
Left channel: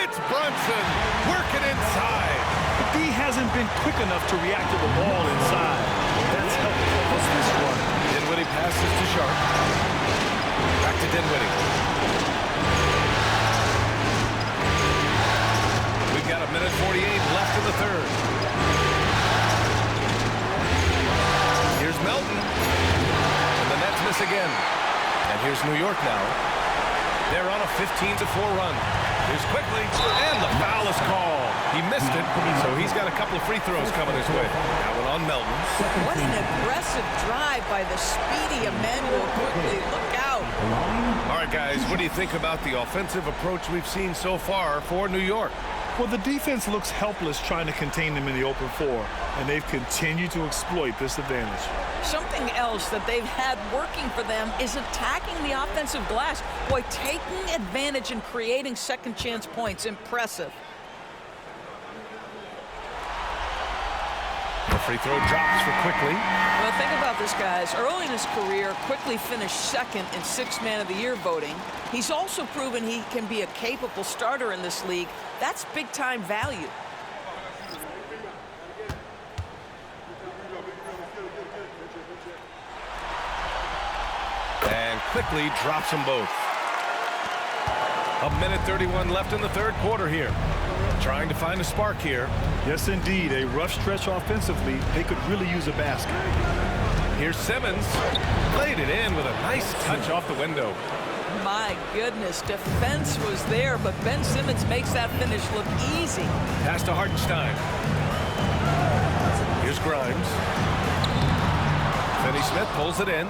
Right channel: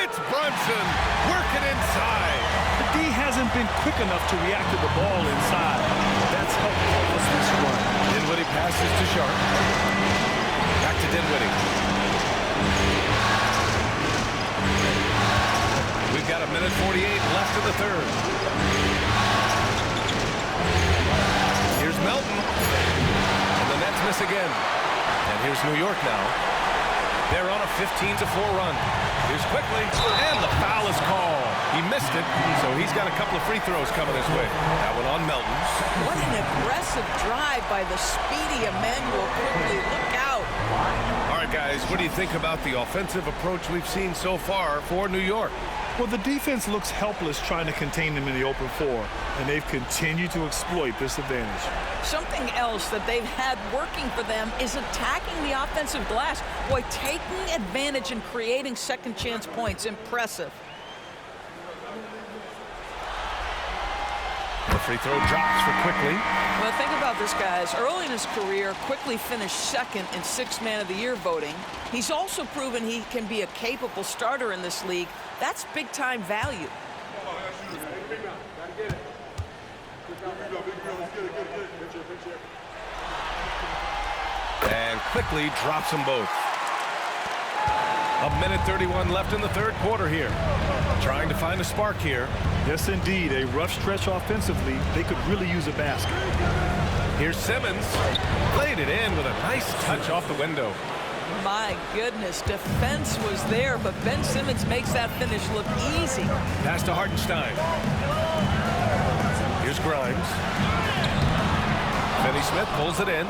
It's Brunson working inside. The D hasn't been quick enough to react to the ball inside. That's helped cause this run. Dinwiddie passes to Sharp. Back to Dinwiddie. We've got 1:48 left in the third. Here's Melton. And the Nets miss again. And here's New York now. They're on a 15-4 run. Here's Quickly, and the foul is called. He missed it, so he's got a couple of free throws coming his way. That one on Melton. What an aggressive drive by the speedy Immanuel Quickly. Look out. All right, guys, what do you think about the offensive approach we've seen so far for New York? Well, the defense looks helpless trying to contain them in the open floor, and they've continued to exploit this advantage. Something else that they've had working for them is attacking the offensive glass. Boy, taking advantage and creating second chance points. Impressive. The free throw drops for Quickly. Well, think about this, guys. Early in his career, Quickly finished second in Sixth Man of the Year voting. He's also proven he can be a capable starter in this league. That's big-time value. And Quickly drops them both. 1:31 left in the third quarter here. Trying to find a spark here. Yes, indeed. A rough stretch offensively. They could really use a basket. Here's Simmons. Played it in with a nice touch off the window. My goodness, defense was there, but Ben Simmons makes that finish look easy. Pass to Hartenstein. Here's Grimes. Finney-Smith pulls it in.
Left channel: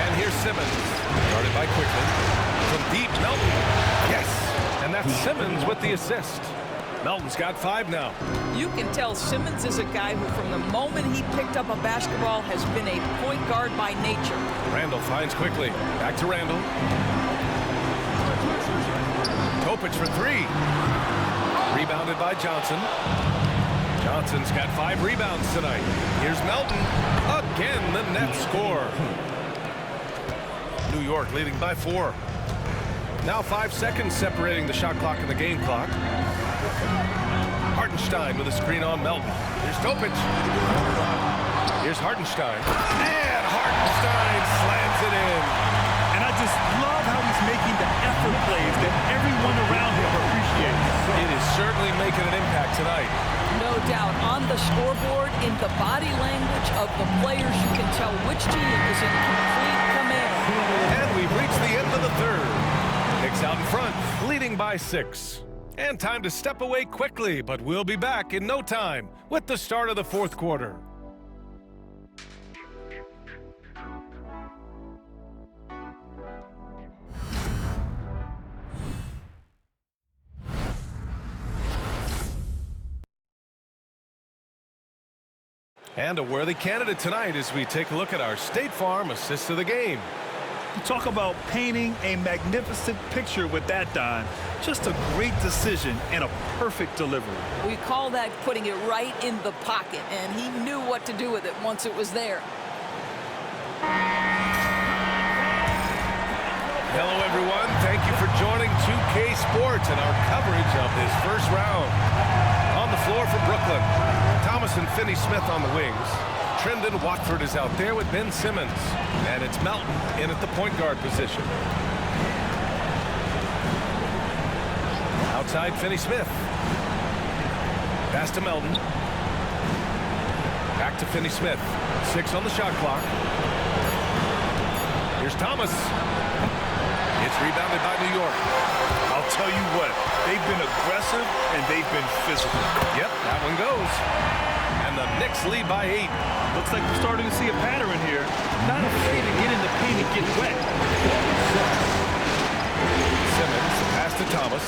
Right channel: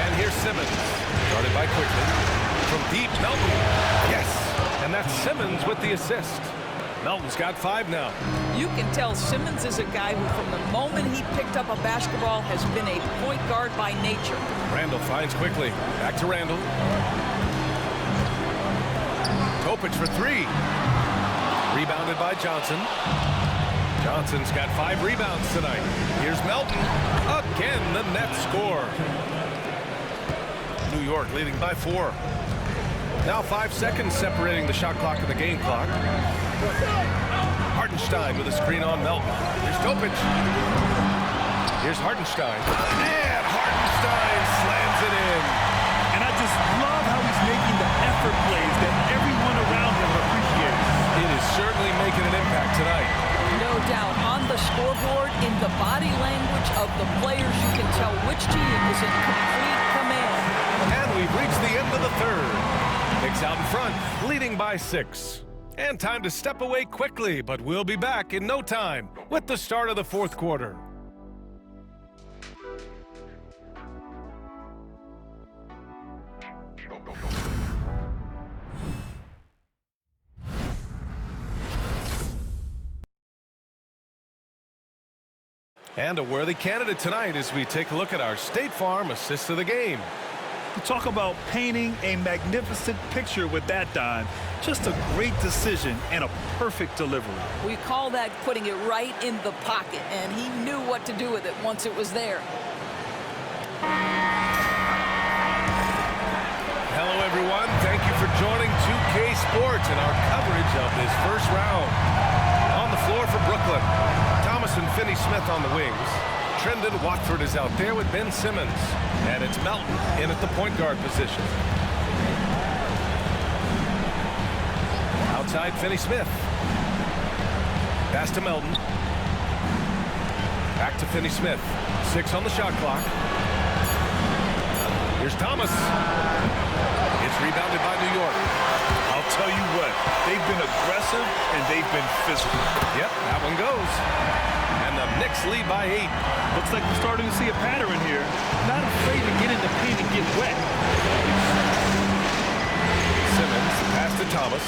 And here's Simmons. Guarded by Quickly. From deep, Melton. Yes! And that's Simmons with the assist. Melton's got 5 now. You can tell Simmons is a guy who, from the moment he picked up a basketball, has been a point guard by nature. Randall finds Quickly. Back to Randall. Topic for 3. Rebounded by Johnson. Johnson's got 5 rebounds tonight. Here's Melton. Again, the net score. New York leading by 4. Now 5 seconds separating the shot clock and the game clock. Hartenstein with a screen on Melton. Here's Topic. Here's Hartenstein. And Hartenstein slams it in. And I just love how he's making the effort plays that everyone around him appreciates. It is certainly making an impact tonight. No doubt. On the scoreboard, in the body language of the players, you can tell which team is in complete command. And we've reached the end of the third. Knicks out in front, leading by 6. And time to step away quickly, but we'll be back in no time with the start of the fourth quarter. And a worthy candidate tonight as we take a look at our State Farm assist of the game. You talk about painting a magnificent picture with that dime. Just a great decision and a perfect delivery. We call that putting it right in the pocket, and he knew what to do with it once it was there. Hello, everyone. Thank you for joining 2K Sports and our coverage of this first round. On the floor for Brooklyn, Thomas and Finney-Smith on the wings. Trendon Watford is out there with Ben Simmons. And it's Melton in at the point guard position. Outside, Finney-Smith. Pass to Melton. Back to Finney-Smith. 6 on the shot clock. Here's Thomas. It's rebounded by New York. I'll tell you what, they've been aggressive and they've been physical. Yep, that one goes. And the Knicks lead by 8. Looks like we're starting to see a pattern here. Not afraid to get in the paint and get wet. Simmons, the pass to Thomas.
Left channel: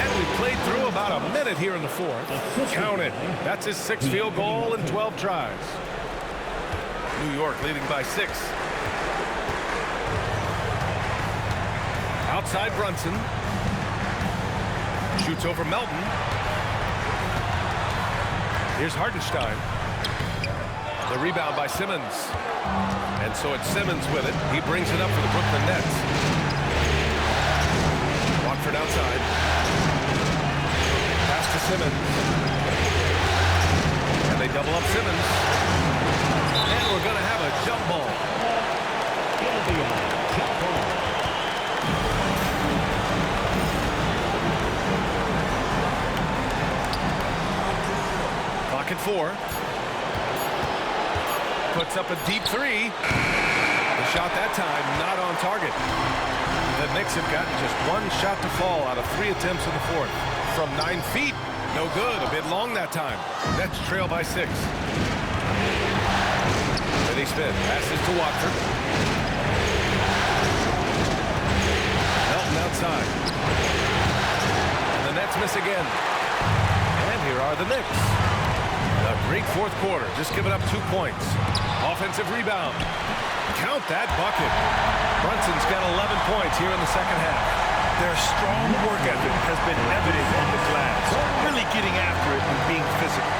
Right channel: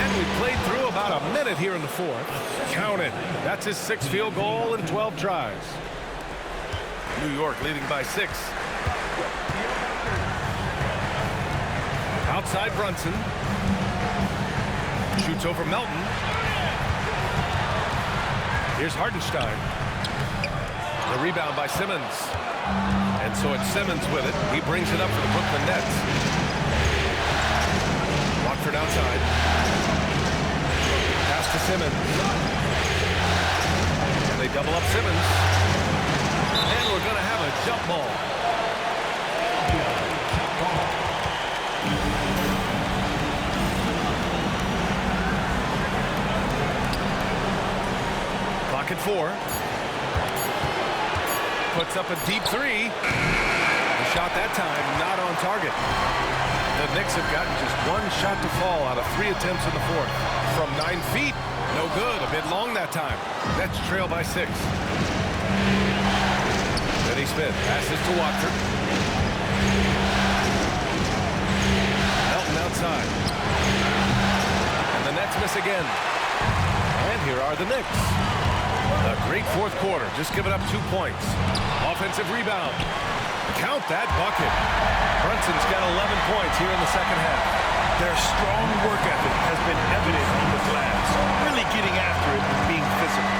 And we played through about a minute here in the fourth. Count it. That's his 6th field goal in 12 tries. New York leading by 6. Outside Brunson. Shoots over Melton. Here's Hartenstein. The rebound by Simmons. And so it's Simmons with it. He brings it up for the Brooklyn Nets. Watford outside. Pass to Simmons. And they double up Simmons. And we're going to have a jump ball. Clock at 4. Puts up a deep 3. The shot that time not on target. The Knicks have gotten just 1 shot to fall out of 3 attempts in the fourth. From 9 feet, no good. A bit long that time. Nets trail by 6. Finney-Smith passes to Watford. side. And the Nets miss again. And here are the Knicks. A great fourth quarter, just giving up 2 points. Offensive rebound. Count that bucket. Brunson's got 11 points here in the second half. Their strong work ethic has been evident on the glass, really getting after it and being physical.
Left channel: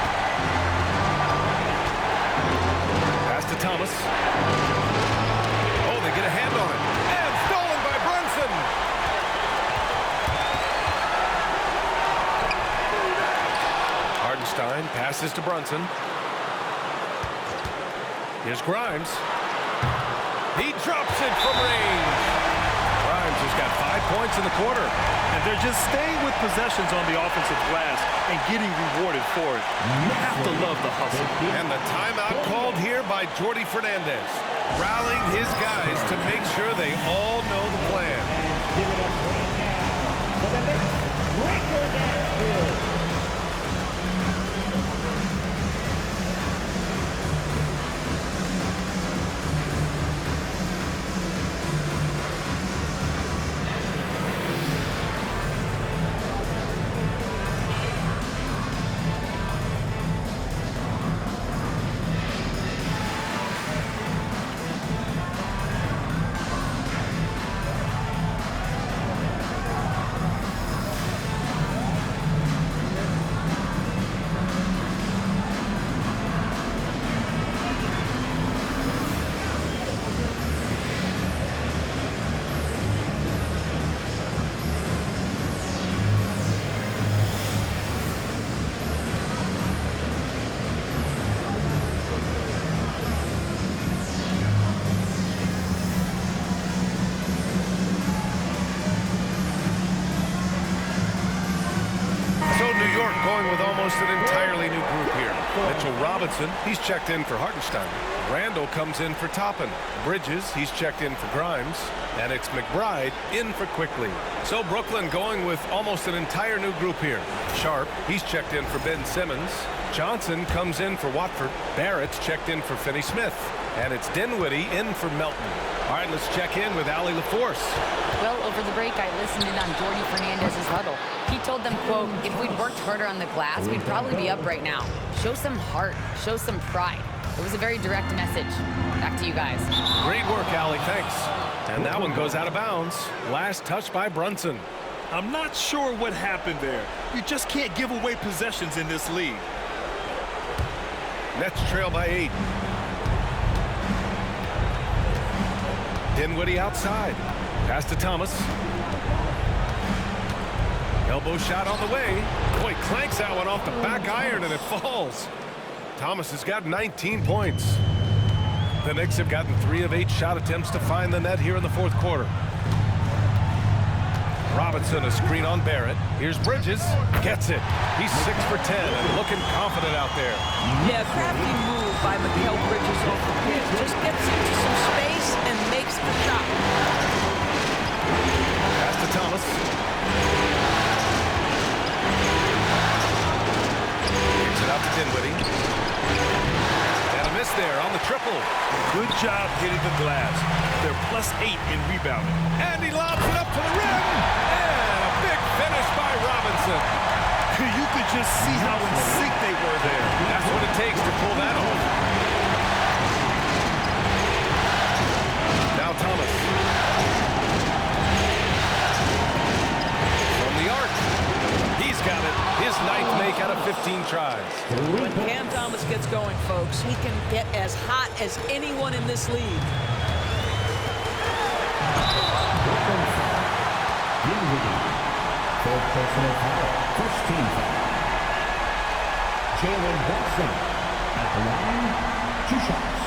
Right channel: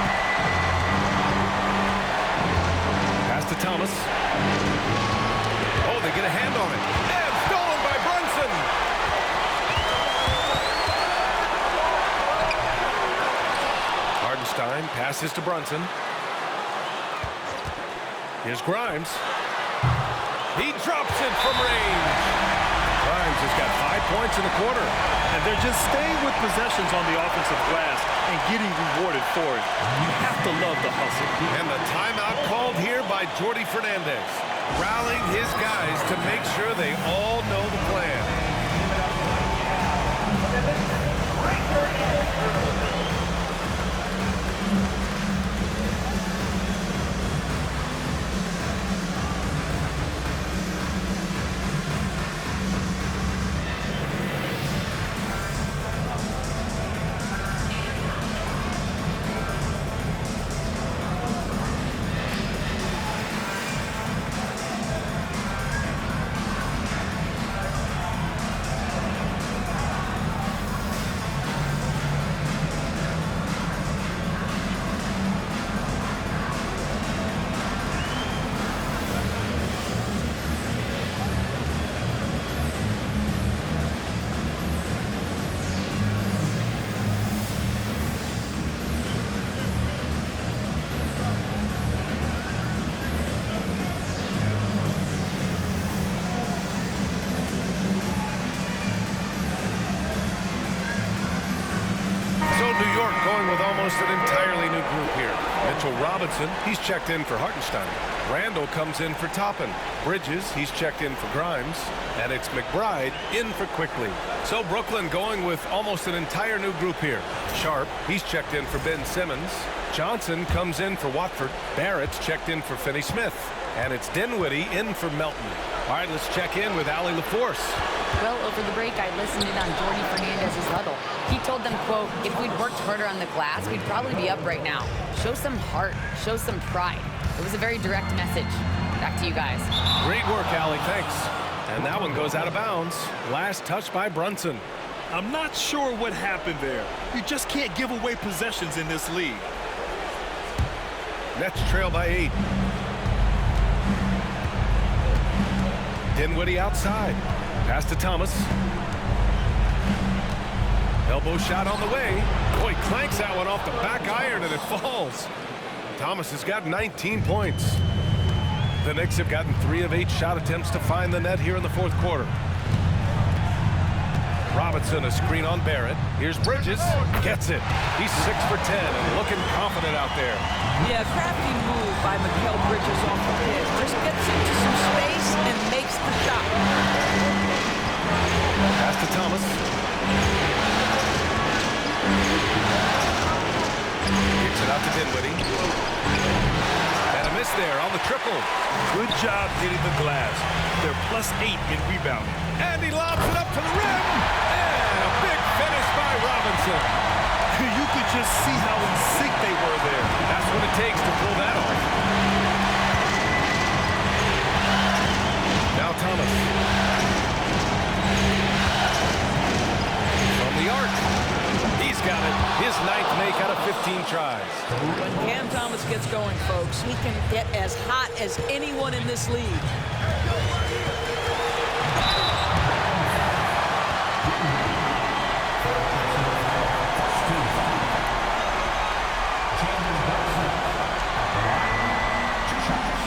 Pass to Thomas. Oh, they get a hand on it. And stolen by Brunson. Hartenstein passes to Brunson. Here's Grimes. He drops it from range. Grimes has got 5 points in the quarter. And they're just staying with possessions on the offensive glass and getting rewarded for it. You have to love the hustle. And the timeout called here by Jordi Fernandez, rallying his guys to make sure they all know the plan. Give it up right now for the Knicks. Breaker Nets. New York going with almost an entirely new group here. Mitchell Robinson, he's checked in for Hartenstein. Randall comes in for Toppin. Bridges, he's checked in for Grimes. And it's McBride in for Quickly. So Brooklyn going with almost an entire new group here. Sharp, he's checked in for Ben Simmons. Johnson comes in for Watford. Barrett's checked in for Finney Smith. And it's Dinwiddie in for Melton. All right, let's check in with Allie LaForce. Well, over the break, I listened in on Jordi Fernandez's huddle. He told them, quote, if we'd worked harder on the glass, we'd probably be up right now. Show some heart. Show some pride. It was a very direct message. Back to you guys. Great work, Allie. Thanks. And that one goes out of bounds. Last touch by Brunson. I'm not sure what happened there. You just can't give away possessions in this league. Nets trail by 8. Dinwiddie outside. Pass to Thomas. Elbow shot on the way. Boy, clanks that one off the back iron and it falls. Thomas has got 19 points. The Knicks have gotten 3 of 8 shot attempts to find the net here in the fourth quarter. Robinson, a screen on Barrett. Here's Bridges. Gets it. He's 6 for 10 and looking confident out there. Yeah, crafty move by Mikal Bridges off the pin. Just gets into some space and makes the shot. Pass to Thomas. Kicks it out to Dinwiddie. And a miss there on the triple. Good job hitting the glass. They're +8 in rebounding. And he lobs it up to the rim. And a big finish by Robinson. You could just see how in sync they were there. That's what it takes to pull that off. Now Thomas. From the arc. He's got it. His 9th make out of 15 tries. When Cam Thomas gets going, folks, he can get as hot as anyone in this league. Jalen Brunson at the line, 2 shots.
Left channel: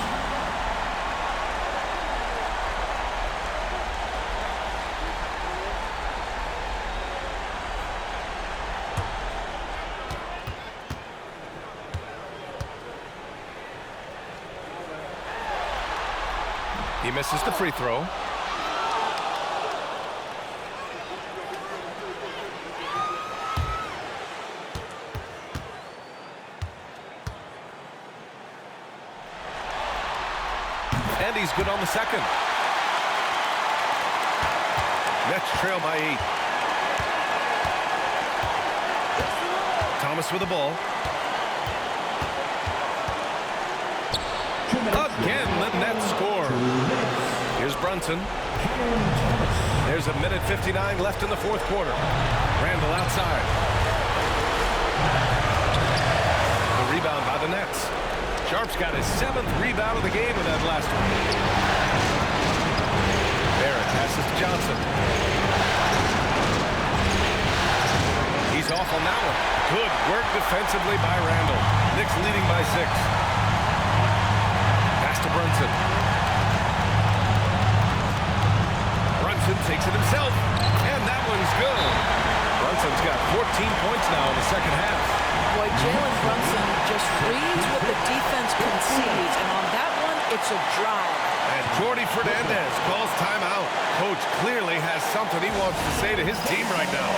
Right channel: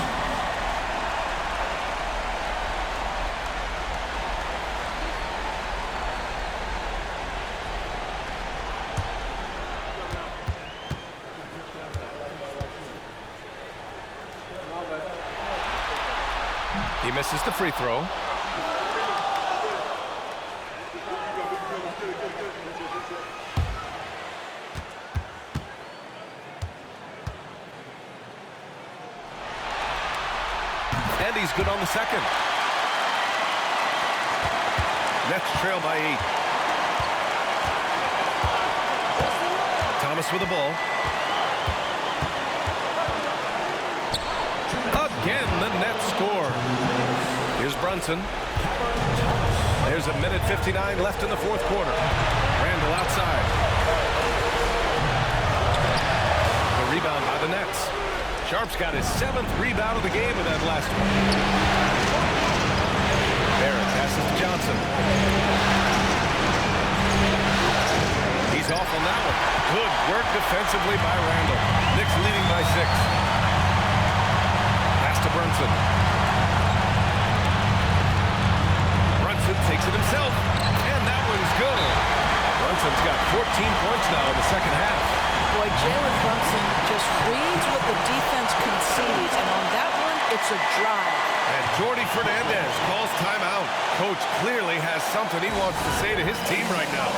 He misses the free throw. And he's good on the second. Nets trail by 8. Thomas with the ball. Again, the Nets score. Here's Brunson. There's 1:59 left in the fourth quarter. Randall outside. The rebound by the Nets. Sharp's got his 7th rebound of the game with that last one. Barrett passes to Johnson. He's off on that one. Good work defensively by Randall. Knicks leading by 6. Pass to Brunson. Brunson takes it himself, and that one's good. Brunson's got 14 points now in the second half. Boy, Jalen Brunson just reads what the defense concedes, and on that one, it's a drive. And Jordi Fernandez calls timeout. Coach clearly has something he wants to say to his team right now.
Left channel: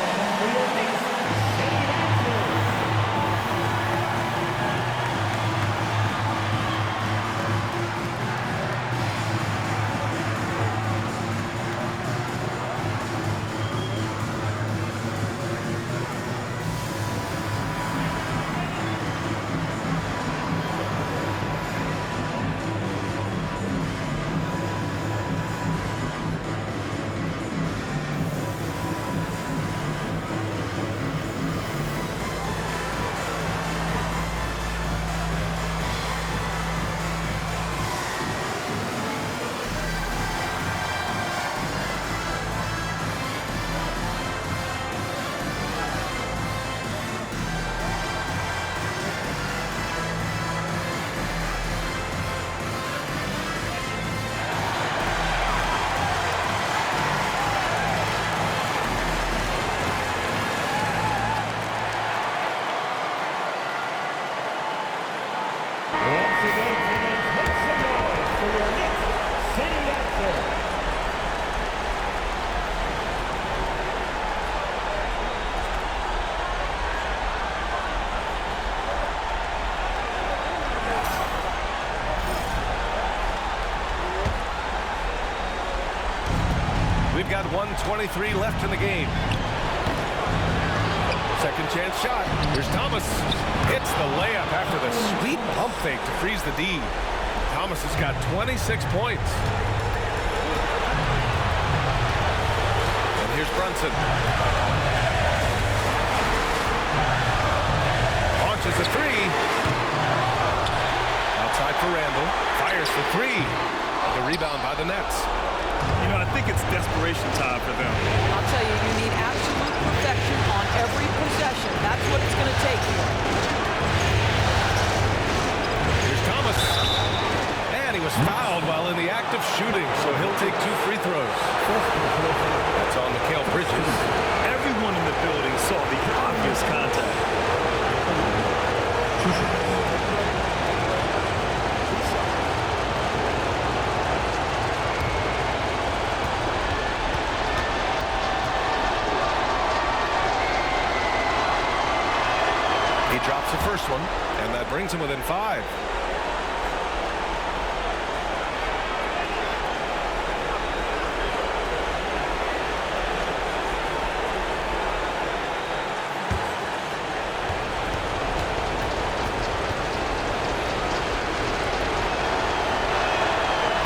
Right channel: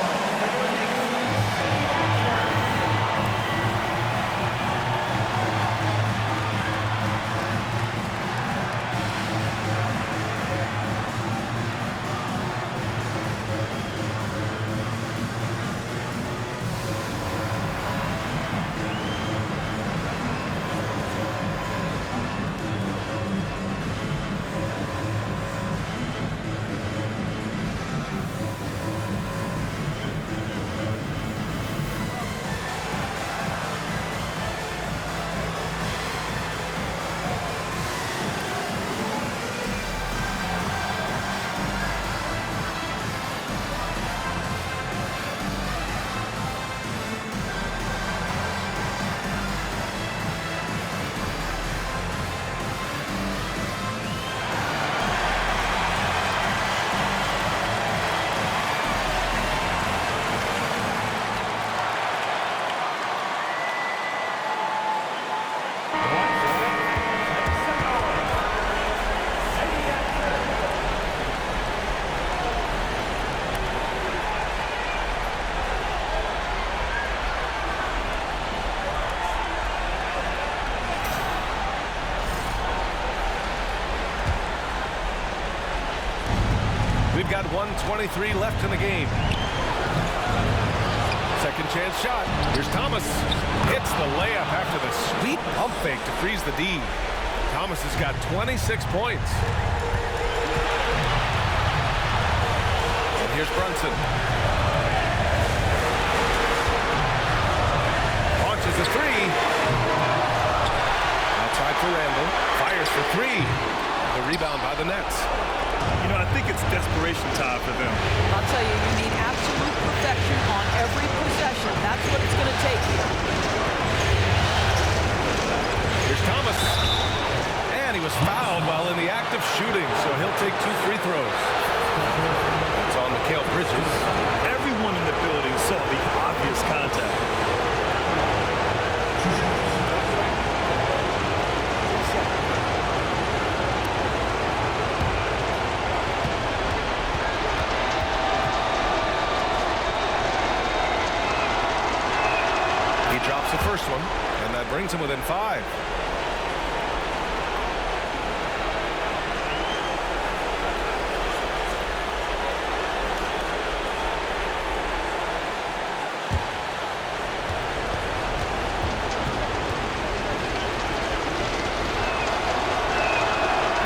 We've got 1:23 left in the game. Second chance shot. Here's Thomas. Hits the layup after the sweet pump fake to freeze the D. Thomas has got 26 points. And here's Brunson. Launches a 3. Outside for Randall. Fires for 3. The rebound by the Nets. You know, I think it's desperation time for them. I'll tell you, you need absolute perfection on every possession. That's what it's going to take here. Here's Thomas. And he was fouled while in the act of shooting, so he'll take 2 free throws. That's on Mikal Bridges. Everyone in the building saw the obvious contact. He drops the first one, and that brings him within 5.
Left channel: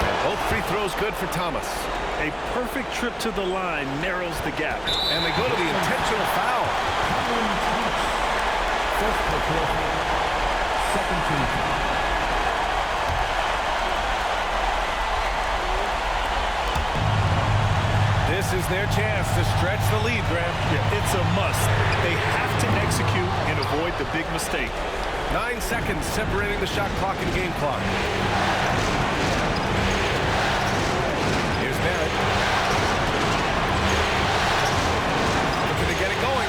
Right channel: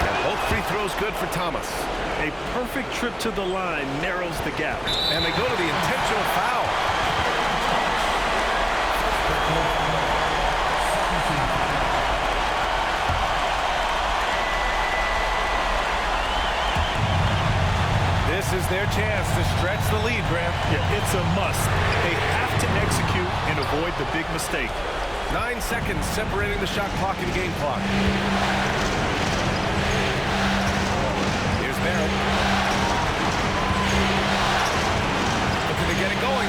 And both free throws good for Thomas. A perfect trip to the line narrows the gap. And they go to the intentional foul. This is their chance to stretch the lead, Graham. Yeah, it's a must. They have to execute and avoid the big mistake. 9 seconds separating the shot clock and game clock. Here's Barrett. Looking to get it going.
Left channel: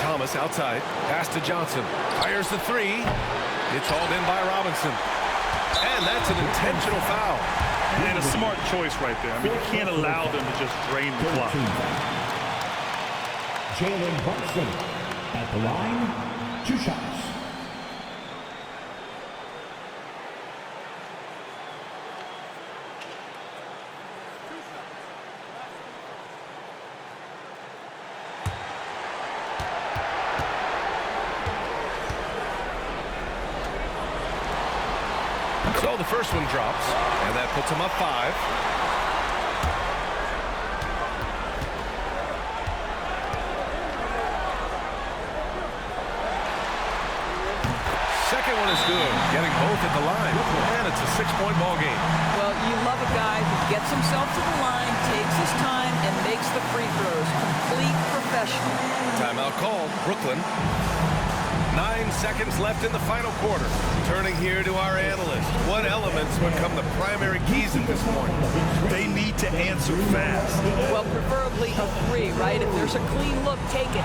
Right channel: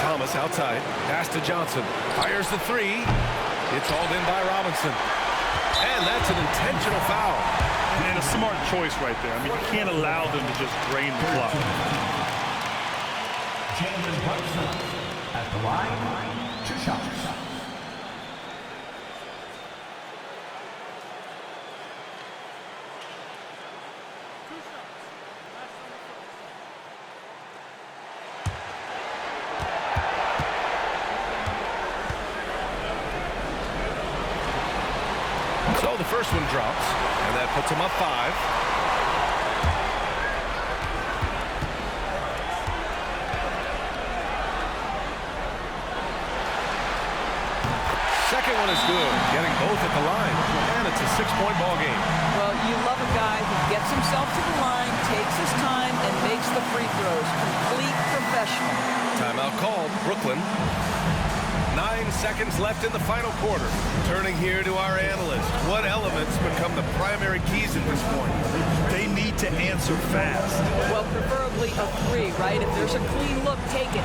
Thomas outside. Pass to Johnson. Fires the 3. It's hauled in by Robinson. And that's an intentional foul. And a smart choice right there. I mean, you can't allow them to just drain the clock. Jalen Brunson at the line, 2 shots. So the first one drops, and that puts him up 5. Second one is good, getting both at the line, and it's a 6-point ball game. Well, you love a guy who gets himself to the line, takes his time, and makes the free throws. Complete professional. Timeout called, Brooklyn. 9 seconds left in the final quarter. Turning here to our analyst. What elements become the primary keys at this point? They need to answer fast. Well, preferably a 3, right? If there's a clean look, take it.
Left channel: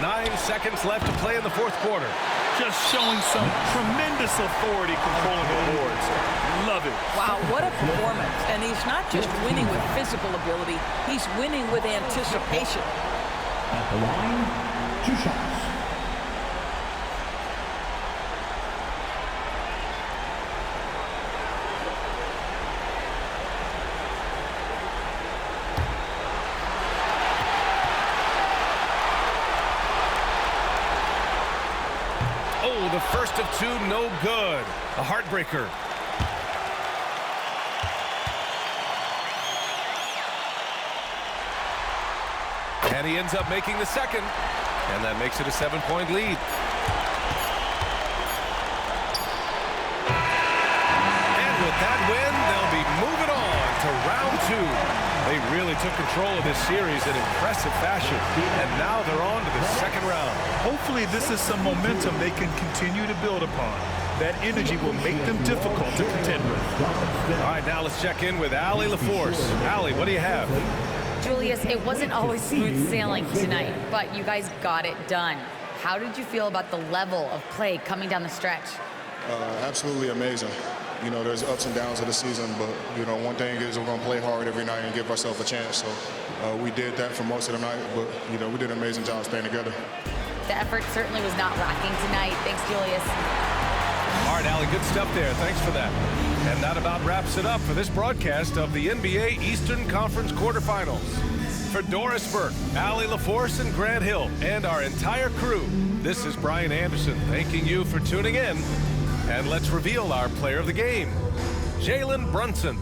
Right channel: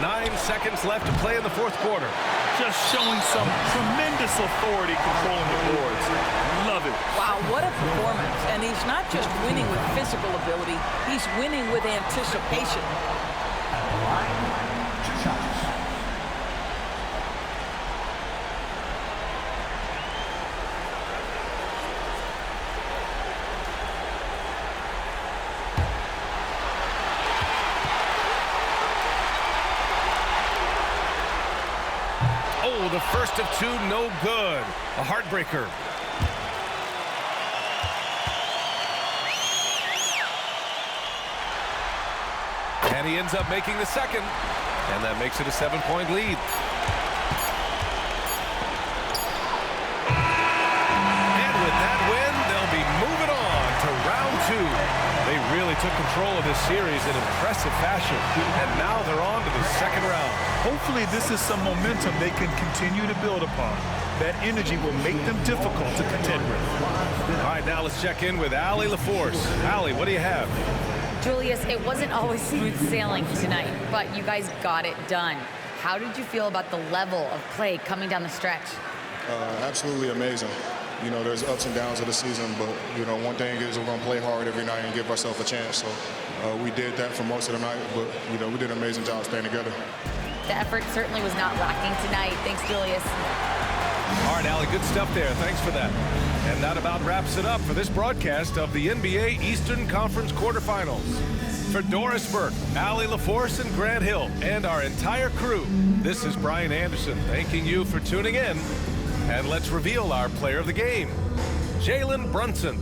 Nine seconds left to play in the fourth quarter. Just showing some tremendous authority controlling the boards. Love it. Wow, what a performance. And he's not just winning with physical ability, he's winning with anticipation. At the line, 2 shots. Oh, the first of 2, no good. A heartbreaker. And he ends up making the second. And that makes it a 7-point lead. And with that win, they'll be moving on to round 2. They really took control of this series in impressive fashion. And now they're on to the second round. Hopefully this is some momentum they can continue to build upon. That energy will make them difficult to contend with. All right, now let's check in with Allie LaForce. Allie, what do you have? Julius, it wasn't always smooth sailing tonight, but you guys got it done. How did you feel about the level of play coming down the stretch? Absolutely amazing. You know, there's ups and downs of the season, but, you know, one thing is we're going to play hard every night and give ourselves a chance. So we did that for most of the night, but, you know, we did an amazing job staying together. The effort certainly was not lacking tonight. Thanks, Julius. All right, Allie, good stuff there. Thanks for that. And that about wraps it up for this broadcast of the NBA Eastern Conference quarterfinals. For Doris Burke, Allie LaForce, and Grant Hill, and our entire crew, this is Brian Anderson thanking you for tuning in. And let's reveal our player of the game, Jalen Brunson.